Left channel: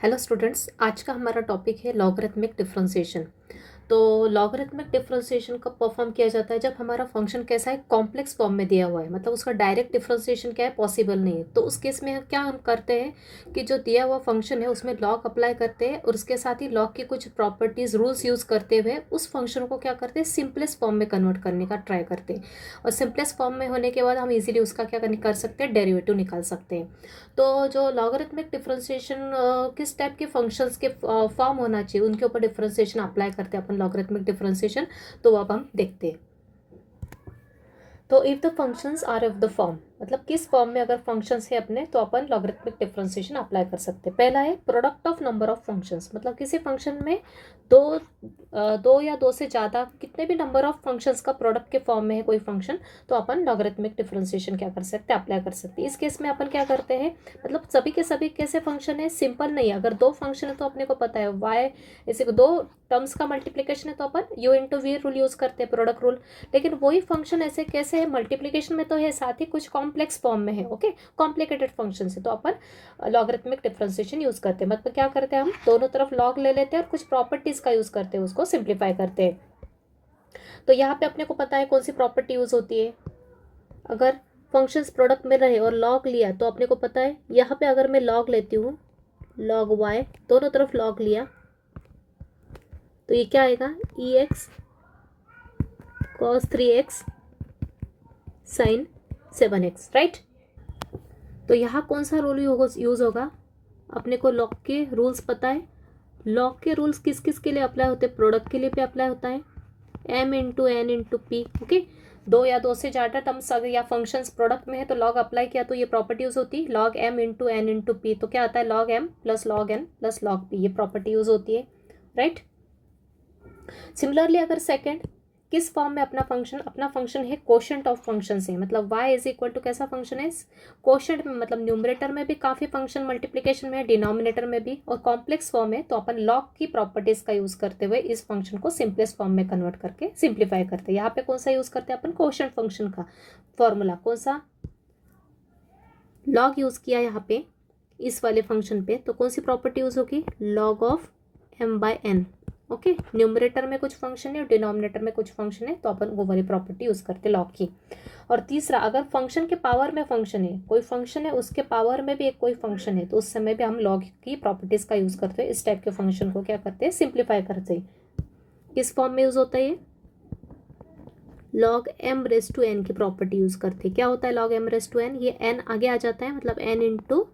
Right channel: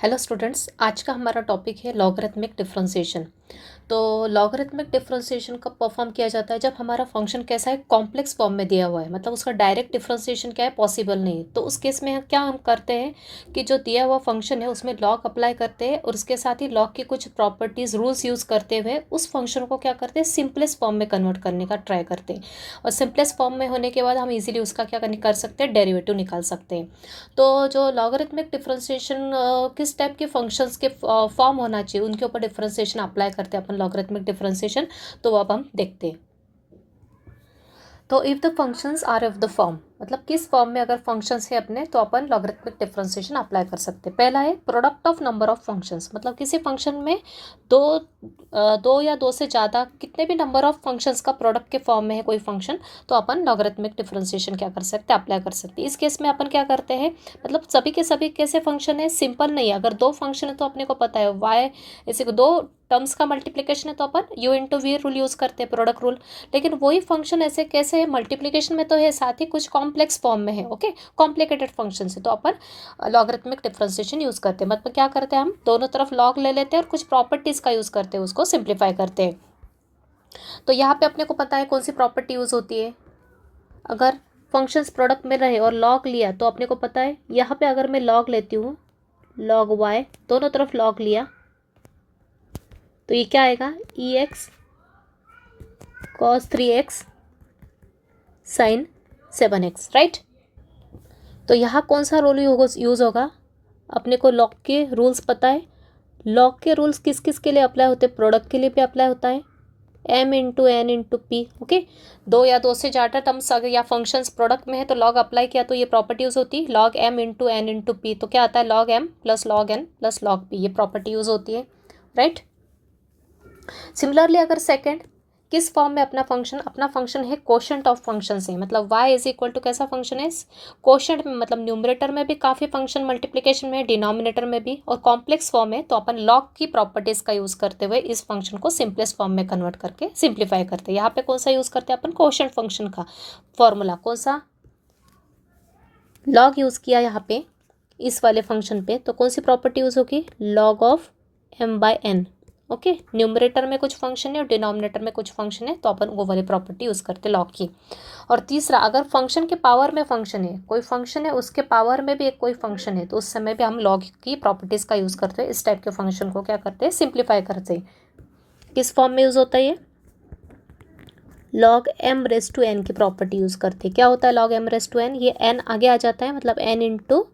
Hello students, आज का हमारा टॉपिक है लॉगरिथमिक डिफरेंशिएशन। तो लॉगरिथमिक डिफरेंशिएशन कब परफॉर्म किया जाता है? जब हमारा फंक्शन कैसा है, कॉम्प्लेक्स फॉर्म में दिया हुआ है, मतलब उसका डायरेक्ट डिफरेंशिएशन क्या है, पॉसिबल नहीं है। तो उस केस में क्या हम करते हैं कि जो दिया हुआ फंक्शन है उसमें लॉग अप्लाई करते हैं और उसके साथ ही लॉग की कुछ प्रॉपर्टीज रूल्स यूज़ करते हुए उस फंक्शन को क्या करते हैं, सिंपलेस्ट फॉर्म में कन्वर्ट करने का ट्राई करते हैं। और सिंपलेस्ट फॉर्म में होने के बाद हम इजीली उसका क्या कर सकते हैं, डेरिवेटिव निकाल सकते हैं। तो जो लॉगरिथमिक डिफरेंशिएशन किस टाइप के फंक्शंस के फॉर्म होना चाहिए, उनके ऊपर डिफरेंशिएशन अप्लाई करते हैं अपन लॉगरिथमिक डिफरेंशिएशन। तो अब हम देखते हैं। तो if the functions are of the form, मतलब किस फॉर्म में अगर फंक्शंस है अपने, तो अपन लॉगरिथमिक डिफरेंशिएशन अप्लाई कर सकते हैं। पहला है product of number of functions, मतलब किसी फंक्शन में दो या दो से ज़्यादा कितने भी नंबर ऑफ फंक्शंस का प्रोडक्ट के फॉर्म में है कोई फंक्शन, तो अपन लॉगरिथमिक डिफरेंशिएशन क्या कर सकते हैं, अप्लाई कर सकते हैं। इस केस में अपन क्या करते हैं, मतलब सभी के सभी कैसे फंक्शन है, सिंपल नहीं है। अगर दो फंक्शन है तो अपने को पता है वाई ऐसे दो टर्म्स का मल्टीप्लिकेशन है तो अपन u into v rule use करते हैं, प्रोडक्ट रूल। लेकिन वही फंक्शन ऐसे कैसे है, मल्टीप्लिकेशन में तो है, साथ ही कुछ कॉम्प्लेक्स फॉर्म में है, ओके, कॉम्प्लिकेटेड फंक्शन है, तो अपन लॉगरिथमिक डिफरेंशिएशन यूज़ करते हैं। मतलब क्या करते हैं, हम दोनों तरफ लॉग ले लेते हैं और कुछ प्रॉपर्टीज़ का यूज़ करते हैं, उसको सिंप्लीफाई करते हैं। तो यहाँ पे अपने को पता है कौन सी प्रॉपर्टी यूज़ होती है। अगर फंक्शंस प्रोडक्ट में रहे और लॉग लिया तो अपने को पता है, यहाँ पे अगर मैं लॉग लेती हूँ, लॉग वाई, दोनों तरफ लॉग लिया, तो ये क्या आएगा, e x cos 3x sine 7x, right. तो यहाँ कौन सा रूल यूज़ होगा, अपने को लॉग के रूल्स पता है। लॉग के रूल्स किस किस के लिए अप्लाई होते हैं, प्रोडक्ट के लिए भी अप्लाई होता है, m into n into p, okay. दो या दो से ज़्यादा टर्म्स अगर या फंक्शंस प्रोडक्ट में है तो लॉग अप्लाई किया तो ये प्रॉपर्टी यूज़ होती है, log m into n into p, तो क्या आता है, log m plus log n plus log p, ये प्रॉपर्टी यूज़ होती है, राइट। सिमिलरली अगर सेकंड, किस फॉर्म में अपना फंक्शन है, कोशेंट ऑफ फंक्शन है, मतलब y इज इक्वल टू कैसा फंक्शन है, कोशेंट में, मतलब न्यूमरेटर में भी काफ़ी फंक्शन, मल्टीप्लिकेशन में, डिनोमिनेटर में भी, और कॉम्प्लेक्स फॉर्म है, तो अपन लॉग की प्रॉपर्टीज़ का यूज़ करते हुए इस फंक्शन को सिंपलेस्ट फॉर्म में कन्वर्ट करके सिंप्लीफाई करते हैं। यहाँ पे कौन सा यूज़ करते हैं अपन, कोशेंट फंक्शन का फॉर्मूला, कौन सा, लॉग यूज़ किया यहाँ पे इस वाले फंक्शन पे, तो कौन सी प्रॉपर्टी यूज़ होगी, log of m/n, okay. Numerator में कुछ फंक्शन है और डिनोमिनेटर में कुछ फंक्शन है, तो अपन वो वाली प्रॉपर्टी यूज़ करते लॉग की। और तीसरा, अगर फंक्शन के पावर में फंक्शन है, कोई फंक्शन है उसके पावर में भी एक कोई फंक्शन है, तो उस समय भी हम लॉग की प्रॉपर्टीज़ का यूज़ करते हैं, इस टाइप के फंक्शन को क्या करते हैं, सिंप्लीफाई करते हैं। किस फॉर्म में यूज़ होता है ये, लॉग m⁻n की प्रॉपर्टी यूज़ करते हैं। क्या होता है लॉग m⁻n, ये n आगे आ जाता है, मतलब n इंटू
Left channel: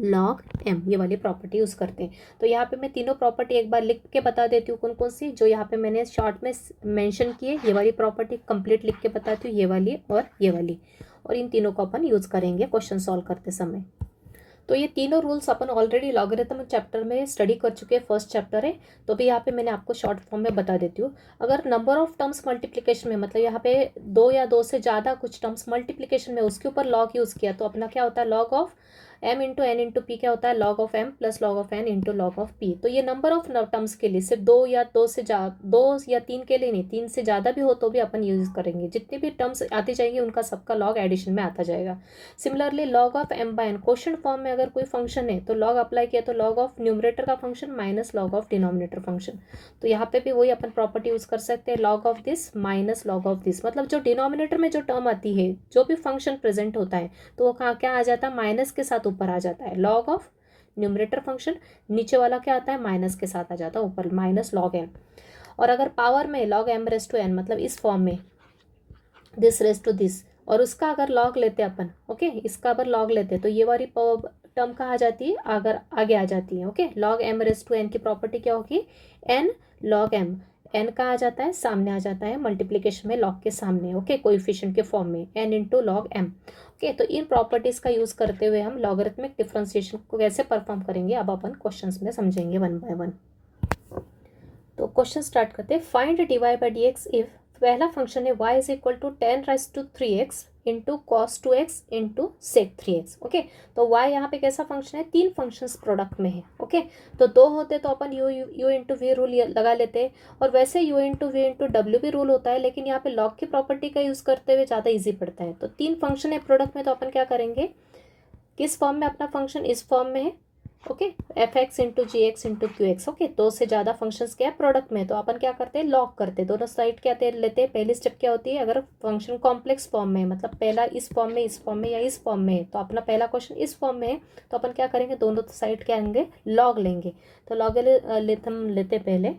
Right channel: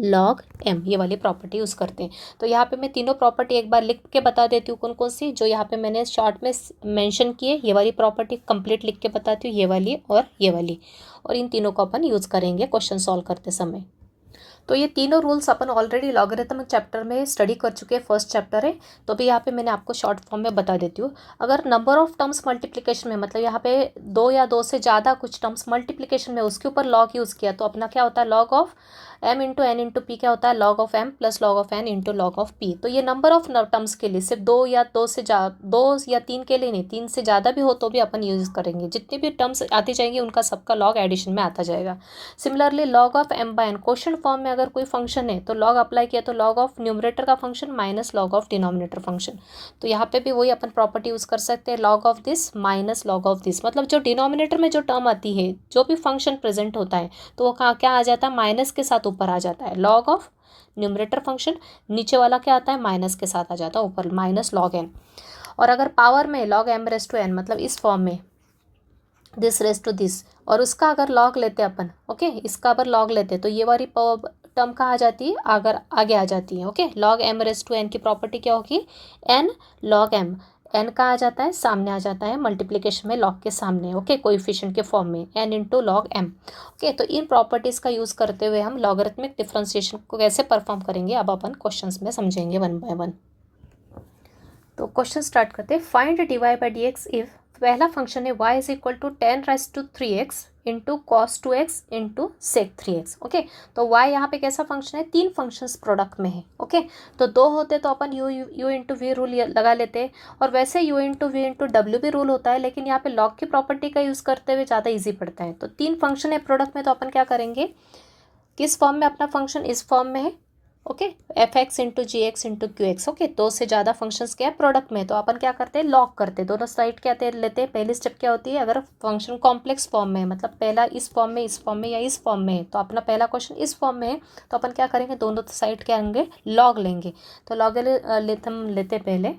लॉग m, ये वाली प्रॉपर्टी यूज़ करते हैं। तो यहाँ पे मैं तीनों प्रॉपर्टी एक बार लिख के बता देती हूँ, कौन कौन सी जो यहाँ पे मैंने शॉर्ट में मेंशन किए। ये वाली प्रॉपर्टी कंप्लीट लिख के बताती हूँ, ये वाली और ये वाली, और इन तीनों को अपन यूज़ करेंगे क्वेश्चन सॉल्व करते समय। तो ये तीनों रूल्स अपन ऑलरेडी लॉगरिथम चैप्टर में स्टडी कर चुके हैं, फर्स्ट चैप्टर है, तो भी यहाँ पे मैंने आपको शॉर्ट फॉर्म में बता देती हूँ। अगर नंबर ऑफ टर्म्स मल्टीप्लिकेशन में, मतलब यहाँ पे दो या दो से ज़्यादा कुछ टर्म्स मल्टीप्लिकेशन में उसके ऊपर लॉग यूज़ किया, तो अपना क्या होता है, log of m into n into p, क्या होता है, log of m plus log of n into log of p। तो ये नंबर ऑफ टर्म्स के लिए, सिर्फ दो या तीन के लिए नहीं, तीन से ज़्यादा भी हो तो भी अपन यूज़ करेंगे। जितनी भी टर्म्स आती जाएंगी उनका सबका लॉग एडिशन में आता जाएगा। Similarly log of m/n, question form में अगर कोई फंक्शन है तो लॉग अप्लाई किया तो लॉग ऑफ न्यूमरेटर का function minus log of denominator function, तो यहाँ पे भी वही अपन प्रॉपर्टी यूज़ कर सकते हैं, log of this minus log of this, मतलब जो डिनोमिनेटर में जो टर्म आती है, जो भी फंक्शन प्रेजेंट होता है, तो वो क्या आ जाता है, माइनस के साथ ऊपर आ जाता है, लॉग ऑफ न्यूमरेटर फंक्शन, नीचे वाला क्या आता है, माइनस के साथ आ जाता है ऊपर, माइनस लॉग n। और अगर पावर में लॉग m⁻n, मतलब इस फॉर्म में दिस रेस टू दिस, और उसका अगर लॉग लेते हैं अपन, ओके, इसका अगर लॉग लेते हैं तो ये वाली टर्म कहाँ आ जाती है, अगर आगे आ जाती है, ओके। लॉग m⁻n की प्रॉपर्टी क्या होगी, n log m, n कहाँ आ जाता है, सामने आ जाता है, मल्टीप्लिकेशन में लॉग के सामने, ओके, कोएफिशिएंट के फॉर्म में n into log m, okay. तो इन प्रॉपर्टीज़ का यूज़ करते हुए हम लॉगरिथमिक डिफरेंशिएशन को कैसे परफॉर्म करेंगे, अब अपन क्वेश्चंस में समझेंगे वन बाय वन। तो क्वेश्चन स्टार्ट करते हैं। Find dy by dx if, पहला फंक्शन है y is equal to 10⁻³ into cos 2x into sec 3x, okay. तो y यहाँ पे कैसा फंक्शन है, तीन फंक्शंस प्रोडक्ट में है, ओके। तो दो होते तो अपन u इंटू वी रूल लगा लेते हैं, और वैसे u इंटू वी इंटू डब्ल्यू भी रूल होता है, लेकिन यहाँ पे लॉग की प्रॉपर्टी का यूज़ करते हुए ज़्यादा ईजी पड़ता है। तो तीन फंक्शन है प्रोडक्ट में, तो अपन क्या करेंगे, किस फॉर्म में अपना फंक्शन, इस फॉर्म में है, okay, f x into g x into q x. Okay, दो से ज़्यादा फंक्शंस क्या है प्रोडक्ट में, तो अपन क्या करते हैं लॉग करते हैं, दोनों साइड क्या लेते हैं। पहली स्टेप क्या होती है, अगर फंक्शन कॉम्प्लेक्स फॉर्म में है, मतलब पहला इस फॉर्म में, इस फॉर्म में या इस फॉर्म में है, तो अपना पहला क्वेश्चन इस फॉर्म में है, तो अपन क्या करेंगे दोनों साइड क्या होंगे लॉग लेंगे। तो लॉग हम लेते पहले।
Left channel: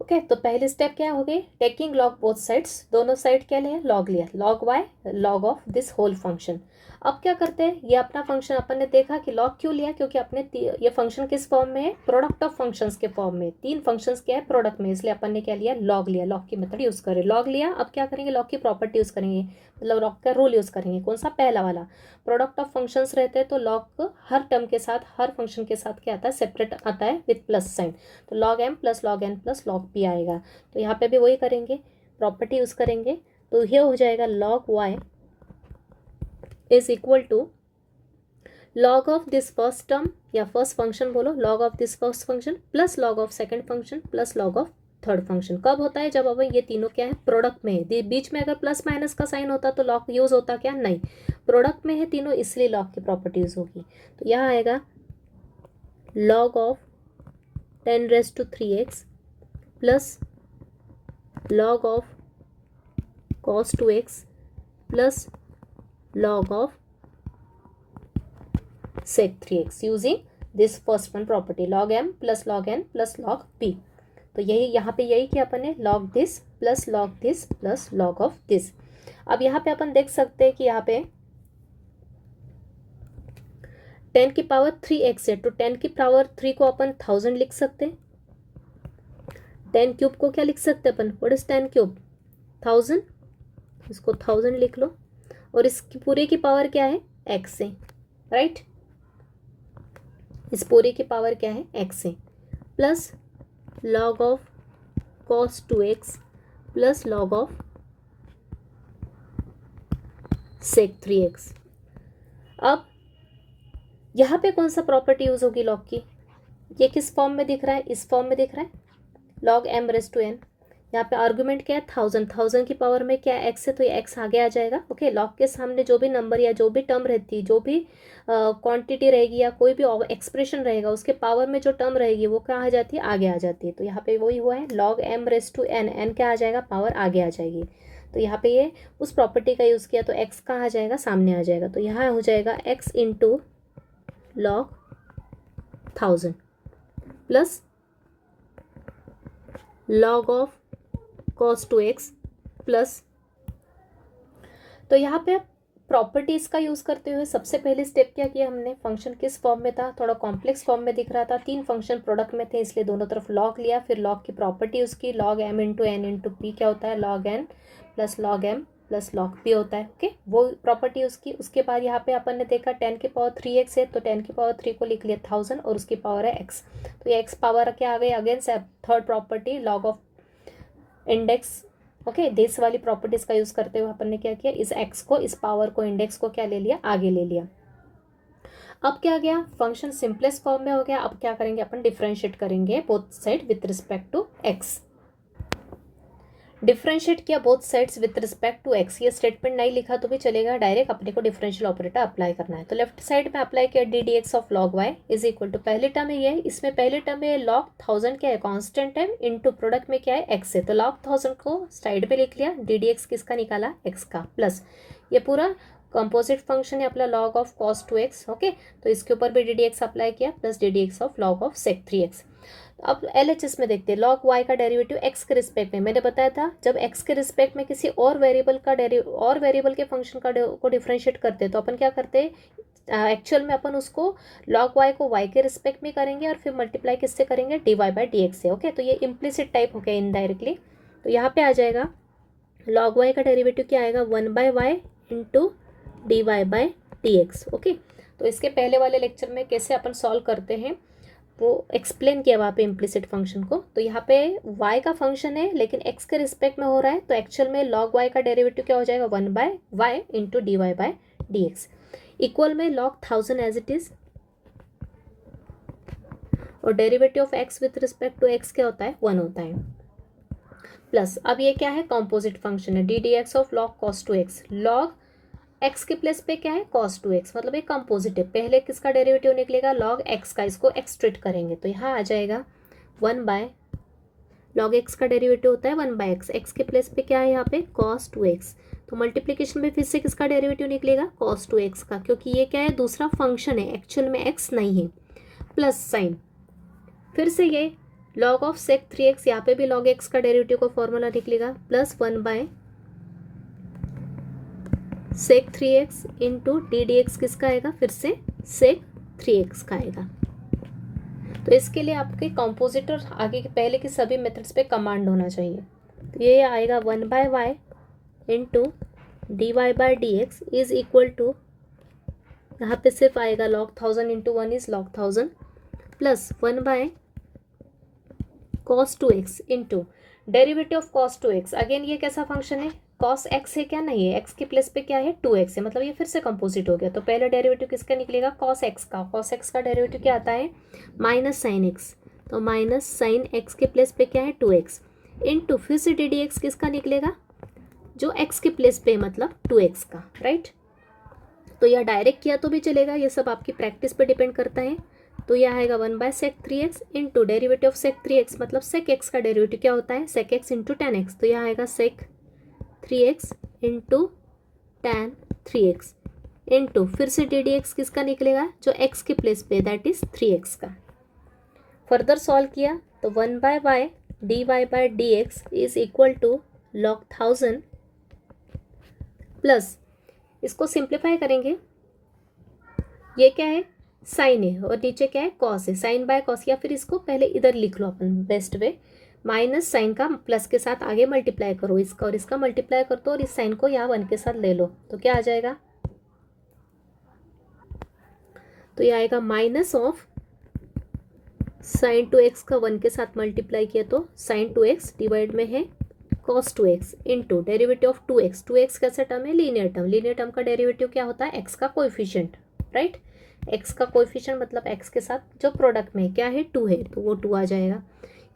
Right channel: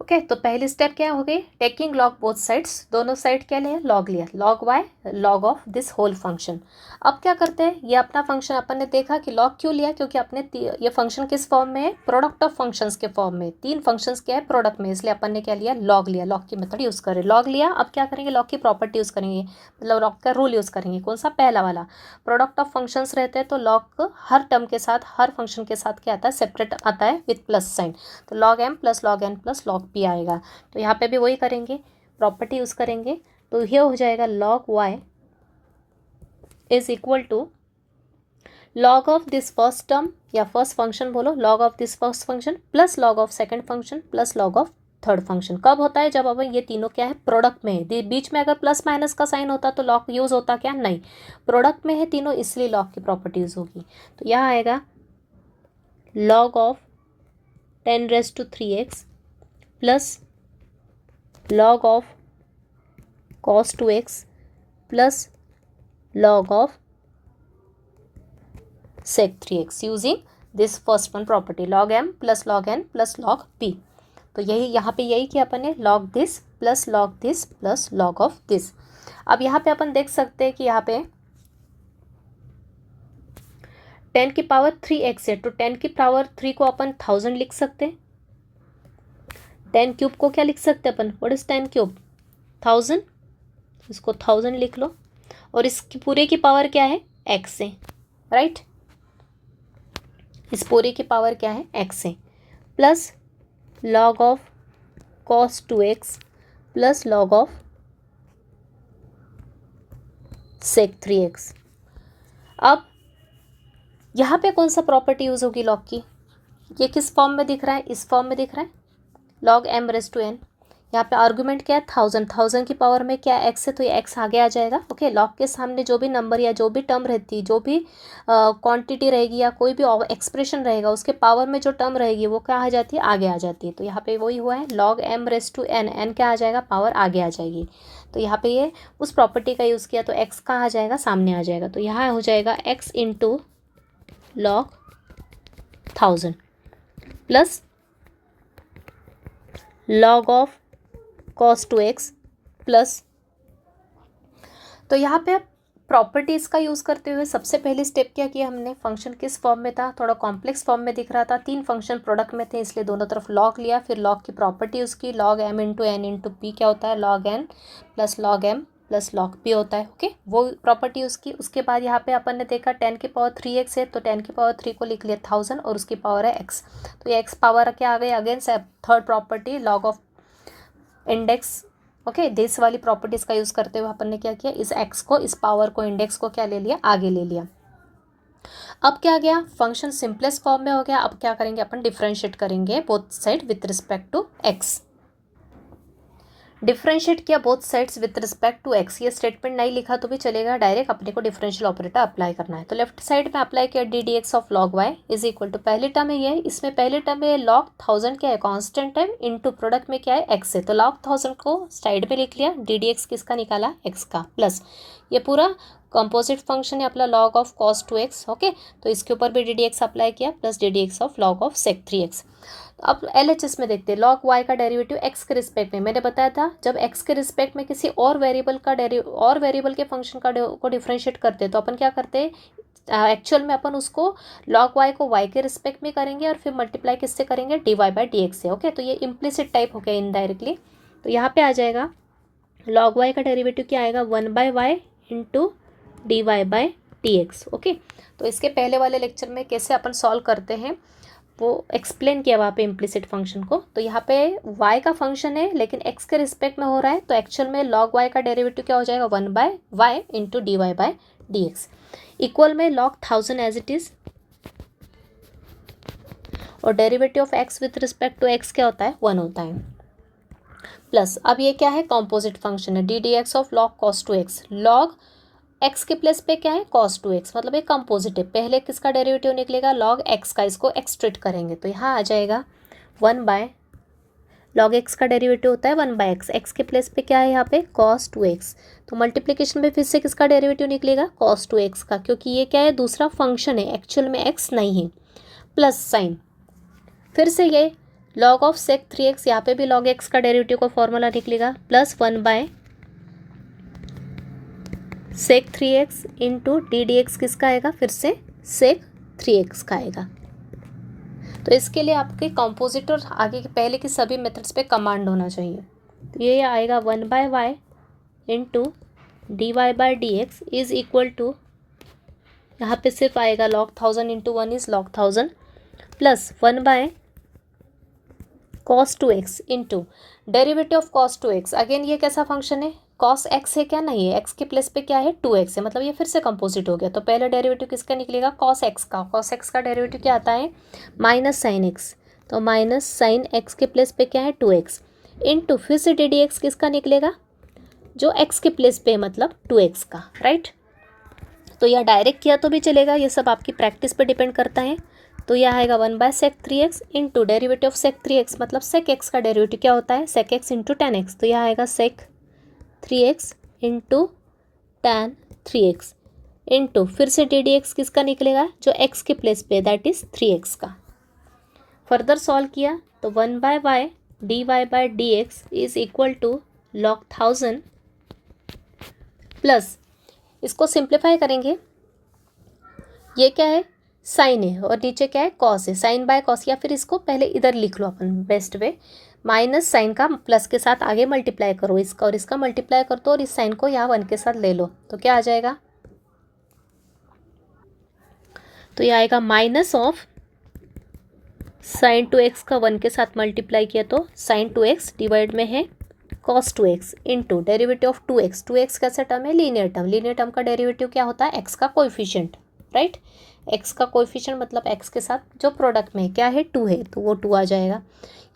ओके, तो पहली स्टेप क्या हो गई, टेकिंग लॉग बोथ साइड्स, दोनों साइड क्या लिया लॉग लिया, log y log of this whole function. अब क्या करते हैं, ये अपना फंक्शन अपन ने देखा कि लॉग क्यों लिया, क्योंकि अपने ये फंक्शन किस फॉर्म में है, प्रोडक्ट ऑफ फंक्शंस के फॉर्म में, तीन फंक्शंस क्या है प्रोडक्ट में, इसलिए अपन ने क्या लिया लॉग लिया, लॉग की मेथड यूज़ करें, लॉग लिया। अब क्या करेंगे लॉग की प्रॉपर्टी यूज़ करेंगे, मतलब लॉग का रूल यूज़ करेंगे, कौन सा पहला वाला, प्रोडक्ट ऑफ फंक्शंस रहते हैं तो लॉग हर टर्म के साथ हर फंक्शन के साथ क्या आता है सेपरेट आता है विथ प्लस साइन, तो log m plus log n plus log p आएगा। तो यहाँ पे भी वही करेंगे, प्रॉपर्टी यूज़ करेंगे, तो ये हो जाएगा log y is equal to log of this first term या फर्स्ट फंक्शन बोलो, log of this first function plus log of second function plus log of third function. कब होता है, जब अब ये तीनों क्या है प्रोडक्ट में है, बीच में अगर प्लस माइनस का साइन होता तो लॉग यूज़ होता क्या, नहीं, प्रोडक्ट में है तीनों इसलिए लॉग की प्रॉपर्टी यूज़ होगी। तो यहाँ आएगा log of 10⁻³ plus log of cos 2x plus log of sec 3x using this first one property log m plus log n plus log p। तो यही यहाँ पे यही किया अपन ने log this plus log this plus log of this। अब यहाँ पे अपन देख सकते हैं कि यहाँ पे 10⁻³ है, तो 10⁻³ को अपन 1000 लिख सकते हैं, 10³ को क्या लिख सकते हैं अपन, व्हाट इज 10³ 1000, इसको 1000 लिख लो, और इसकी पूरे की पावर क्या है x है, राइट, इस पूरे की पावर क्या है x है, plus log of cos 2x plus log of sec 3x। अब यहाँ पे कौन सा प्रॉपर्टी यूज होगी लॉग की, ये किस फॉर्म में दिख रहा है, इस फॉर्म में दिख रहा है log m⁻n, यहाँ पे आर्गुमेंट क्या है 1000, 1000 की पावर में क्या x है, तो ये x आगे आ जाएगा। ओके, लॉग के सामने जो भी नंबर या जो भी टर्म रहती है, जो भी क्वांटिटी रहेगी या कोई भी एक्सप्रेशन रहेगा, उसके पावर में जो टर्म रहेगी वो क्या आ जाती है आगे आ जाती है। तो यहाँ पे वही हुआ है log m⁻n, n क्या आ जाएगा पावर आगे आ जाएगी, तो यहाँ पे ये उस प्रॉपर्टी का यूज़ किया तो x कहाँ आ जाएगा सामने आ जाएगा, तो यहाँ हो जाएगा x into log 1000 plus log of cos 2x plus, तो यहाँ पे प्रॉपर्टीज़ का यूज़ करते हुए सबसे पहली स्टेप क्या किया हमने, फंक्शन किस फॉर्म में था, थोड़ा कॉम्प्लेक्स फॉर्म में दिख रहा था, तीन फंक्शन प्रोडक्ट में थे इसलिए दोनों तरफ लॉग लिया, फिर लॉग की प्रॉपर्टी उसकी log m into n into p क्या होता है log n plus log m plus log p होता है। ओके, वो प्रॉपर्टी उसकी, उसके बाद यहाँ पे अपन ने देखा 10⁻³ है तो 10⁻³ को लिख लिया 1000 और उसकी पावर है x, तो ये x पावर क्या आ गई, again third property log of index. Okay, this वाली प्रॉपर्टीज़ का यूज़ करते हुए अपन ने क्या किया, इस x को, इस पावर को, इंडेक्स को क्या ले लिया आगे ले लिया। अब क्या गया, फंक्शन सिंपलेस्ट फॉर्म में हो गया। अब क्या करेंगे अपन, डिफरेंशिएट करेंगे both side with respect to x, differentiate किया both sides with respect to x, ये स्टेटमेंट नहीं लिखा तो भी चलेगा, डायरेक्ट अपने को डिफरेंशियल ऑपरेटर अप्लाई करना है। तो लेफ्ट साइड में अप्लाई किया ddx of log y is equal to, पहले टर्म है ये, इसमें पहले टर्म में log 1000 क्या है कांस्टेंट है, इनटू प्रोडक्ट में क्या है x है, तो log 1000 को साइड में लिख लिया, ddx किसका निकाला x का, प्लस ये पूरा कंपोजिट फंक्शन है अपना log of cos 2x। Okay, तो इसके ऊपर भी ddx अप्लाई किया plus ddx of log of sec 3x। अब LHS में देखते हैं, लॉग वाई का डेरिवेटिव x के रिस्पेक्ट में, मैंने बताया था जब x के रिस्पेक्ट में किसी और वेरिएबल का और वेरिएबल के फंक्शन को डिफरेंशिएट करते हैं तो अपन क्या करते हैं, एक्चुअल में अपन उसको लॉग वाई को y के रिस्पेक्ट में करेंगे और फिर मल्टीप्लाई किससे करेंगे dy/dx से। ओके, तो ये इम्प्लिसिट टाइप हो गया इनडायरेक्टली, तो यहाँ पे आ जाएगा लॉग वाई का डेरिवेटिव क्या आएगा 1/y इंटू dy/dx। ओके, तो इसके पहले वाले लेक्चर में कैसे अपन सॉल्व करते हैं वो एक्सप्लेन किया वहाँ पे इम्प्लिसिट फंक्शन को। तो यहाँ पे y का फंक्शन है लेकिन x के रिस्पेक्ट में हो रहा है, तो एक्चुअल में log y का डेरिवेटिव क्या हो जाएगा 1/y इंटू dy/dx इक्वल में log 1000 एज इट इज़, और derivative of x with respect to x क्या होता है 1 होता है, प्लस अब ये क्या है कॉम्पोजिट फंक्शन है ddx of log cos 2x, log x के प्लेस पे क्या है cos 2x, मतलब एक कंपोजिटिव, पहले किसका डेरिवेटिव निकलेगा log x का, इसको एक्सट्रेट करेंगे तो यहाँ आ जाएगा 1 log x का डेरिवेटिव होता है 1/x, x के प्लेस पे क्या है यहाँ पे cos 2x, तो मल्टीप्लिकेशन में फिर से किसका डेरिवेटिव निकलेगा cos 2x का, क्योंकि ये क्या है दूसरा फंक्शन है, एक्चुअल में x नहीं है, प्लस साइन फिर से ये log ऑफ sec 3x, यहाँ पे भी log x का डेरिवेटिव का फॉर्मूला निकलेगा plus 1/sec 3x into d d x किसका आएगा, फिर से sec 3x का आएगा। तो इसके लिए आपके कंपोजिट और आगे के पहले की सभी मेथड्स पे कमांड होना चाहिए। तो ये आएगा 1/y into d y by d x is equal to, यहाँ पे सिर्फ आएगा log 1000 into 1 is log 1000 plus 1/cos 2x into derivative of cos 2x। Again ये कैसा फंक्शन है, cos x है क्या, नहीं है, x के प्लेस पे क्या है 2x है, मतलब ये फिर से कंपोजिट हो गया। तो पहले डेरिवेटिव किसका निकलेगा cos x का, cos x का डेरिवेटिव क्या आता है माइनस साइन x, तो माइनस साइन x के प्लेस पे क्या है 2x इंटू फिर से डी डी एक्स किसका निकलेगा, जो x के प्लेस पे मतलब 2x का, राइट। तो यह डायरेक्ट किया तो भी चलेगा, ये सब आपकी प्रैक्टिस पे डिपेंड करता है। तो यह आएगा 1/sec 3x into derivative of sec 3x, मतलब sec x का डेरिवेटिव क्या होता है sec x into tan x, तो यह आएगा sec 3x into tan 3x into फिर से डी डी एक्स किसका निकलेगा, जो x के प्लेस पे दैट इज 3x का। फर्दर सॉल्व किया तो 1/y dy by d x is equal to log 1000 plus, इसको सिंप्लीफाई करेंगे, ये क्या है साइन है और नीचे क्या है कॉस है, साइन बाय कॉस, या फिर इसको पहले इधर लिख लो अपन बेस्ट वे, माइनस साइन का प्लस के साथ आगे मल्टीप्लाई करो, इसका और इसका मल्टीप्लाई कर दो और इस साइन को यहाँ 1 के साथ ले लो, तो क्या आ जाएगा, तो ये आएगा माइनस ऑफ साइन 2x का 1 के साथ मल्टीप्लाई किया तो साइन 2x डिवाइड में है cos 2x into derivative of 2x, 2x कैसा टर्म है लीनियर टर्म, लीनियर टर्म का डेरिवेटिव क्या होता है x का कोएफिशिएंट, राइट, x का कोएफिशिएंट मतलब x के साथ जो प्रोडक्ट में क्या है 2 है तो वो 2 आ जाएगा।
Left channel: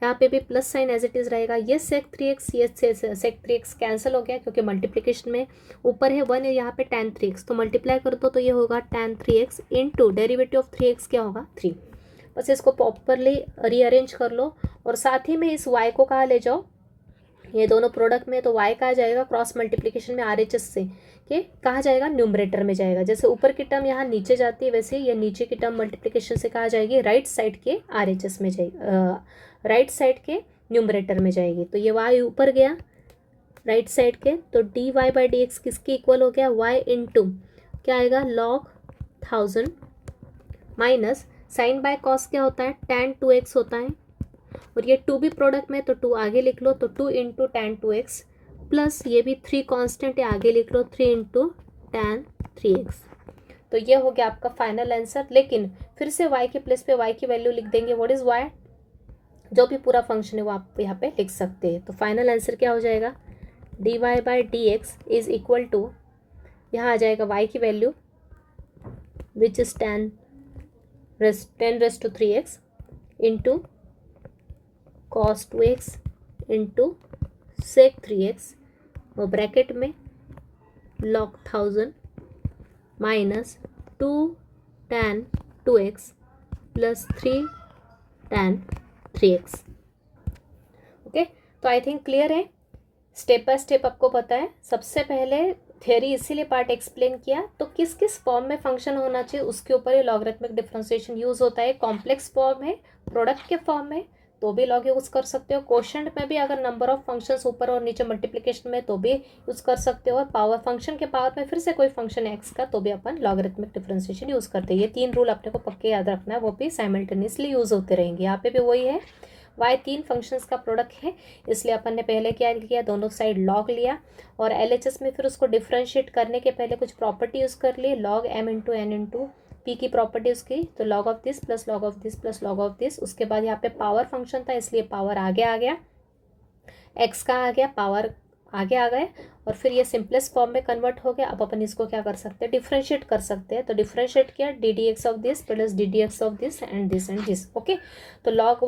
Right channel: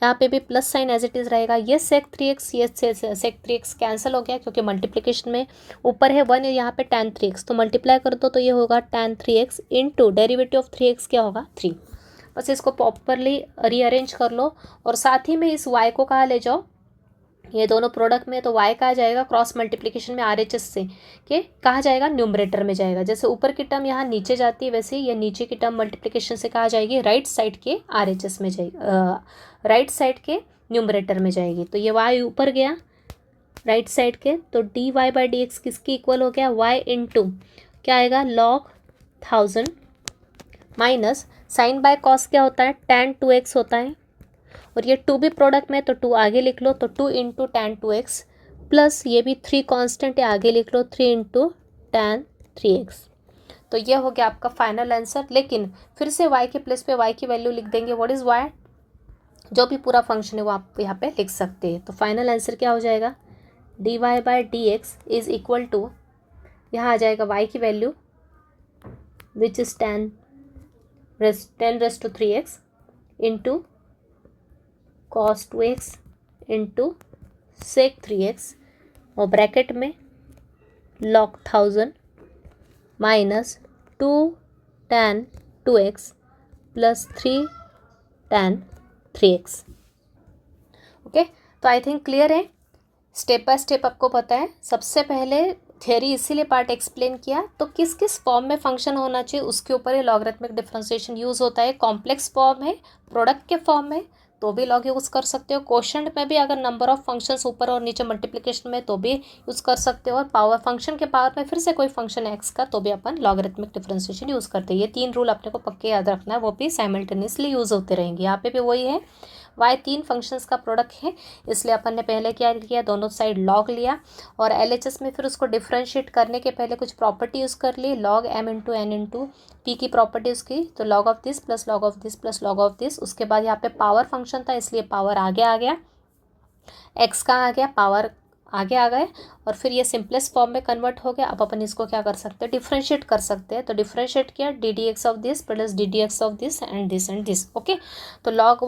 यहाँ पे भी plus sign as it is रहेगा, ये sec 3x, ये sec 3x कैंसिल हो गया क्योंकि मल्टीप्लिकेशन में ऊपर है 1 है, यहाँ पे tan 3x, तो मल्टीप्लाई कर दो तो ये होगा tan 3x into derivative of 3x क्या होगा 3। बस इसको प्रॉपरली रीअरेंज कर लो और साथ ही में इस y को कहाँ ले जाओ, ये दोनों प्रोडक्ट में, तो y कहाँ जाएगा क्रॉस मल्टीप्लिकेशन में RHS से कि कहाँ जाएगा न्यूमरेटर में जाएगा, जैसे ऊपर की टर्म यहाँ नीचे जाती है वैसे ये नीचे की टर्म मल्टीप्लिकेशन से कहाँ जाएगी राइट साइड के RHS में जाएगी, राइट साइड के न्यूमरेटर में जाएगी। तो ये y ऊपर गया राइट साइड के, तो d y by d x किसकी इक्वल हो गया y इंटू क्या आएगा log 1000 minus sine by cos क्या होता है tan 2x होता है, और ये 2 भी प्रोडक्ट में तो 2 आगे लिख लो, तो 2 इंटू tan 2x प्लस ये भी 3 कांस्टेंट है आगे लिख लो 3 इंटू tan 3x। तो ये हो गया आपका फाइनल आंसर। लेकिन फिर से y के प्लेस पे y की वैल्यू लिख देंगे, व्हाट इज़ y, जो भी पूरा फंक्शन है वो आप यहाँ पे लिख सकते हैं। तो फाइनल आंसर क्या हो जाएगा dy by d x is equal to, यहाँ आ जाएगा y की value which is 10 raised to 3x into cos 2x into sec 3x और ब्रैकेट में log 1000 minus 2 tan 2x plus 3 tan 3x। Okay, तो आई थिंक क्लियर है, step by step आपको पता है। सबसे पहले थ्योरी इसीलिए पार्ट एक्सप्लेन किया, तो किस किस फॉर्म में फंक्शन होना चाहिए उसके ऊपर ये लॉगरिथमिक डिफरेंशिएशन यूज़ होता है। कॉम्प्लेक्स फॉर्म है, प्रोडक्ट के फॉर्म में तो भी लॉग यूज़ कर सकते हो, क्वोशंट में भी अगर नंबर ऑफ फंक्शंस ऊपर और नीचे मल्टीप्लिकेशन में तो भी यूज़ कर सकते हो, और पावर फंक्शन के पावर में फिर से कोई फंक्शन एक्स का तो भी अपन लॉगरिथमिक डिफरेंशिएशन यूज़ करते हैं। ये 3 रूल अपने को पक्के याद रखना है, वो भी साइमल्टेनियसली यूज़ होते रहेंगे। यहाँ पे भी वही है, y 3 फंक्शंस का प्रोडक्ट है, इसलिए अपन ने पहले क्या किया दोनों साइड लॉग लिया और LHS में फिर उसको डिफ्रेंशिएट करने के पहले कुछ प्रॉपर्टी यूज़ कर ली, log m into n into p की प्रॉपर्टी उसकी, तो log of this plus log of this plus log of this. उसके बाद यहाँ पे पावर फंक्शन था इसलिए पावर आगे आ गया, x का आ गया पावर आगे आ गए, और फिर ये सिंपलेस्ट फॉर्म में कन्वर्ट हो गया। अब अपन इसको क्या कर सकते हैं, डिफ्रेंशिएट कर सकते हैं। तो डिफ्रेंशिएट किया, d d x of this plus d d x of this and this. Okay, तो लॉग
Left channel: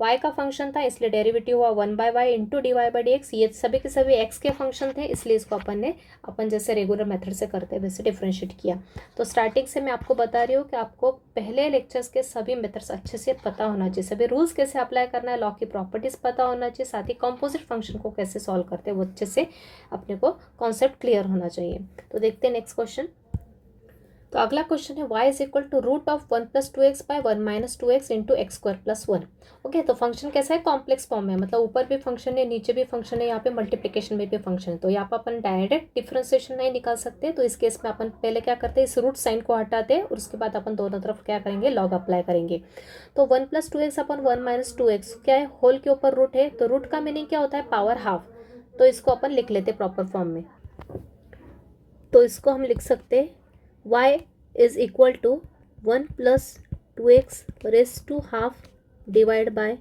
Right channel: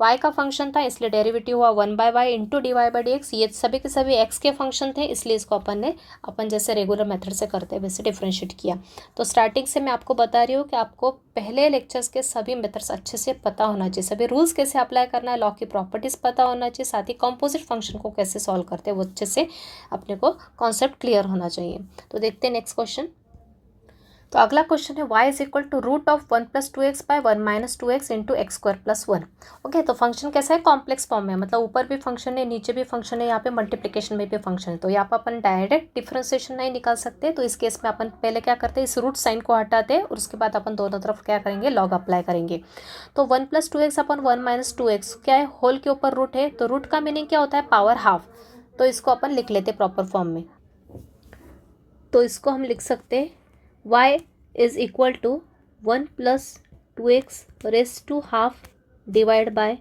वाई का फंक्शन था इसलिए डेरिवेटिव हुआ 1/y into d y by d x. ये सभी के सभी एक्स के फंक्शन थे इसलिए इसको अपन जैसे रेगुलर मेथड से करते हैं वैसे डिफ्रेंशिएट किया। तो स्टार्टिंग से मैं आपको बता रही हूँ कि आपको पहले लेक्चर्स के सभी मेथड्स अच्छे से पता होना चाहिए, सभी रूल्स कैसे अप्लाई करना है, लॉ की प्रॉपर्टीज़ पता होना चाहिए, साथ ही कंपोजिट फंक्शन को कैसे सॉल्व करते हैं वो अच्छे से अपने को कॉन्सेप्ट क्लियर होना चाहिए। तो देखते हैं नेक्स्ट क्वेश्चन। तो अगला क्वेश्चन है y is equal to root of 1 + 2x by 1 - 2x into x square plus 1। Okay, तो फंक्शन कैसा है, कॉम्प्लेक्स फॉर्म में, मतलब ऊपर भी फंक्शन है नीचे भी फंक्शन है, यहाँ पे मल्टीप्लिकेशन में भी फंक्शन है। तो यहाँ पर अपन डायरेक्ट डिफ्रेंसिएशन नहीं निकाल सकते, तो इस केस में अपन पहले क्या करते हैं, इस रूट साइन को हटाते हैं और उसके बाद अपन दोनों तरफ क्या करेंगे, लॉग अप्लाई करेंगे। तो 1 + 2x अपन 1 - 2x क्या है, होल के ऊपर रूट है, तो रूट का मीनिंग क्या होता है, पावर हाफ। तो इसको अपन लिख लेते प्रॉपर फॉर्म में। तो इसको हम लिख सकते हैं y is equal to 1 + 2x raise to half divide by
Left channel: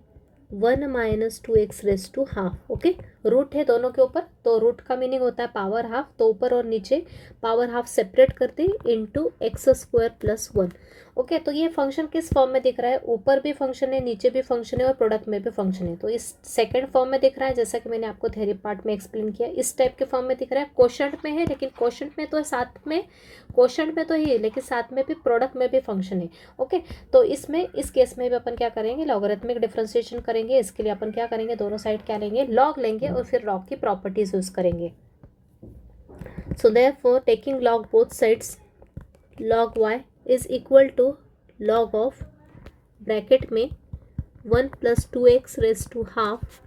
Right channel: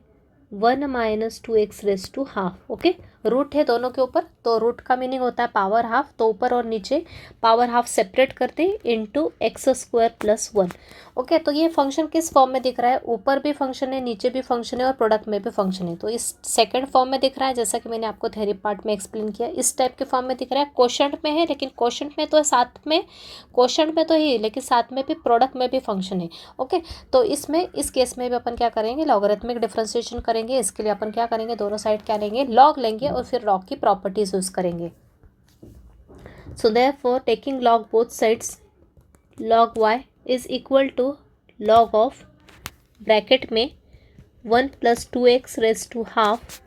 1 - 2x raise to half. Okay, root है दोनों के ऊपर, तो रूट का मीनिंग होता है पावर हाफ, तो ऊपर और नीचे पावर हाफ सेपरेट करते into x square plus 1। Okay, तो ये फंक्शन किस फॉर्म में दिख रहा है, ऊपर भी फंक्शन है नीचे भी फंक्शन है और प्रोडक्ट में भी फंक्शन है। तो इस सेकंड फॉर्म में दिख रहा है, जैसा कि मैंने आपको थ्योरी पार्ट में एक्सप्लेन किया, इस टाइप के फॉर्म में दिख रहा है। क्वोशंट में है, लेकिन क्वोशंट में तो साथ में, क्वोशंट में तो ही लेकिन साथ में भी प्रोडक्ट में भी फंक्शन है। ओके, तो इसमें इस केस में भी अपन क्या करेंगे, लॉगरिथमिक डिफरेंशिएशन करेंगे। इसके लिए अपन क्या करेंगे, दोनों साइड क्या लेंगे, लॉग लेंगे और फिर लॉग की प्रॉपर्टीज यूज करेंगे। So therefore taking log both sides, log y is equal to log of bracket में 1 + 2x raise to half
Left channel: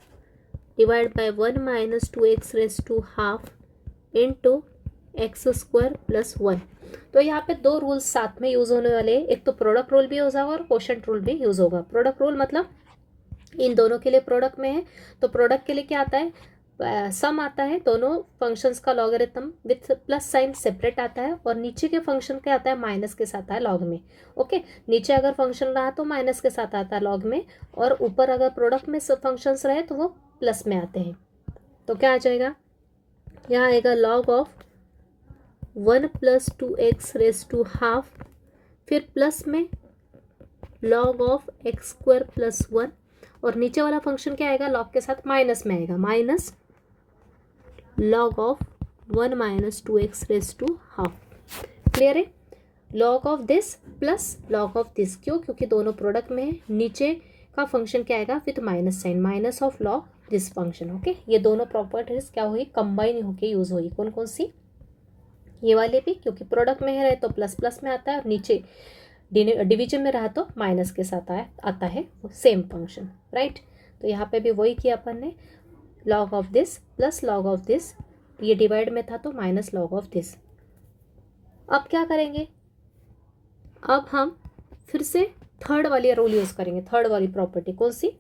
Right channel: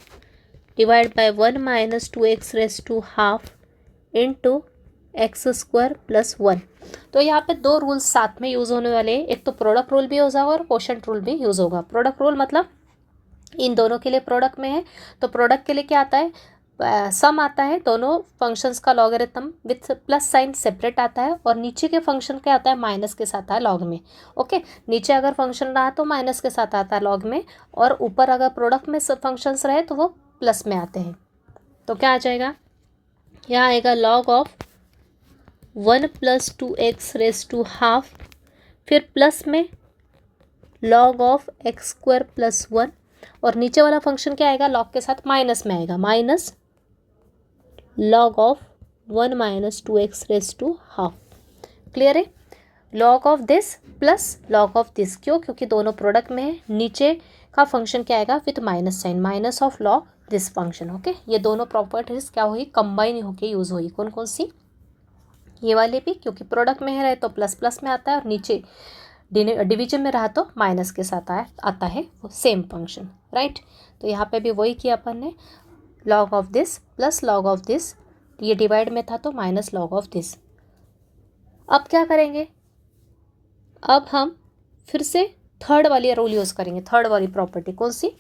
divide by 1 - 2x raise to half into x square plus 1। तो यहाँ पे दो rules साथ में use होने वाले हैं, एक तो प्रोडक्ट रूल भी यूज़ होगा और क्वोशंट रूल भी यूज़ होगा। प्रोडक्ट रूल मतलब इन दोनों के लिए प्रोडक्ट में है, तो प्रोडक्ट के लिए क्या आता है, सम आता है, दोनों फंक्शंस का logarithm with plus sign separate आता है, और नीचे के फंक्शन क्या आता है, माइनस के साथ आता है लॉग में। ओके, नीचे अगर फंक्शन रहा तो माइनस के साथ आता है लॉग में, और ऊपर अगर प्रोडक्ट में सब फंक्शंस रहे तो वो प्लस में आते हैं। तो क्या आ जाएगा, यहाँ आएगा log of 1 + 2x raise to half, फिर प्लस में log of x square plus 1, और नीचे वाला फंक्शन क्या आएगा, लॉग के साथ माइनस में आएगा, minus log of 1 - 2x raise to half. Clear है, log of this plus log of this, क्यों, क्योंकि दोनों प्रोडक्ट में है। नीचे का फंक्शन क्या आएगा, with minus sign, minus of log this function. Okay, ये दोनों प्रॉपर्टीज क्या हुई, कंबाइन होके यूज हुई। कौन कौन सी, ये वाले भी, क्योंकि प्रोडक्ट में है तो प्लस प्लस में आता है, और नीचे डिवीजन में रहा तो माइनस के साथ आता है वो सेम फंक्शन, राइट। तो यहाँ पे भी वही किया अपन ने, log of this plus log of this, ये डिवाइड में था तो माइनस लॉग ऑफ दिस। अब क्या करेंगे, अब हम फिर से थर्ड वाली रूल यूज़ करेंगे, थर्ड वाली प्रॉपर्टी कौन सी,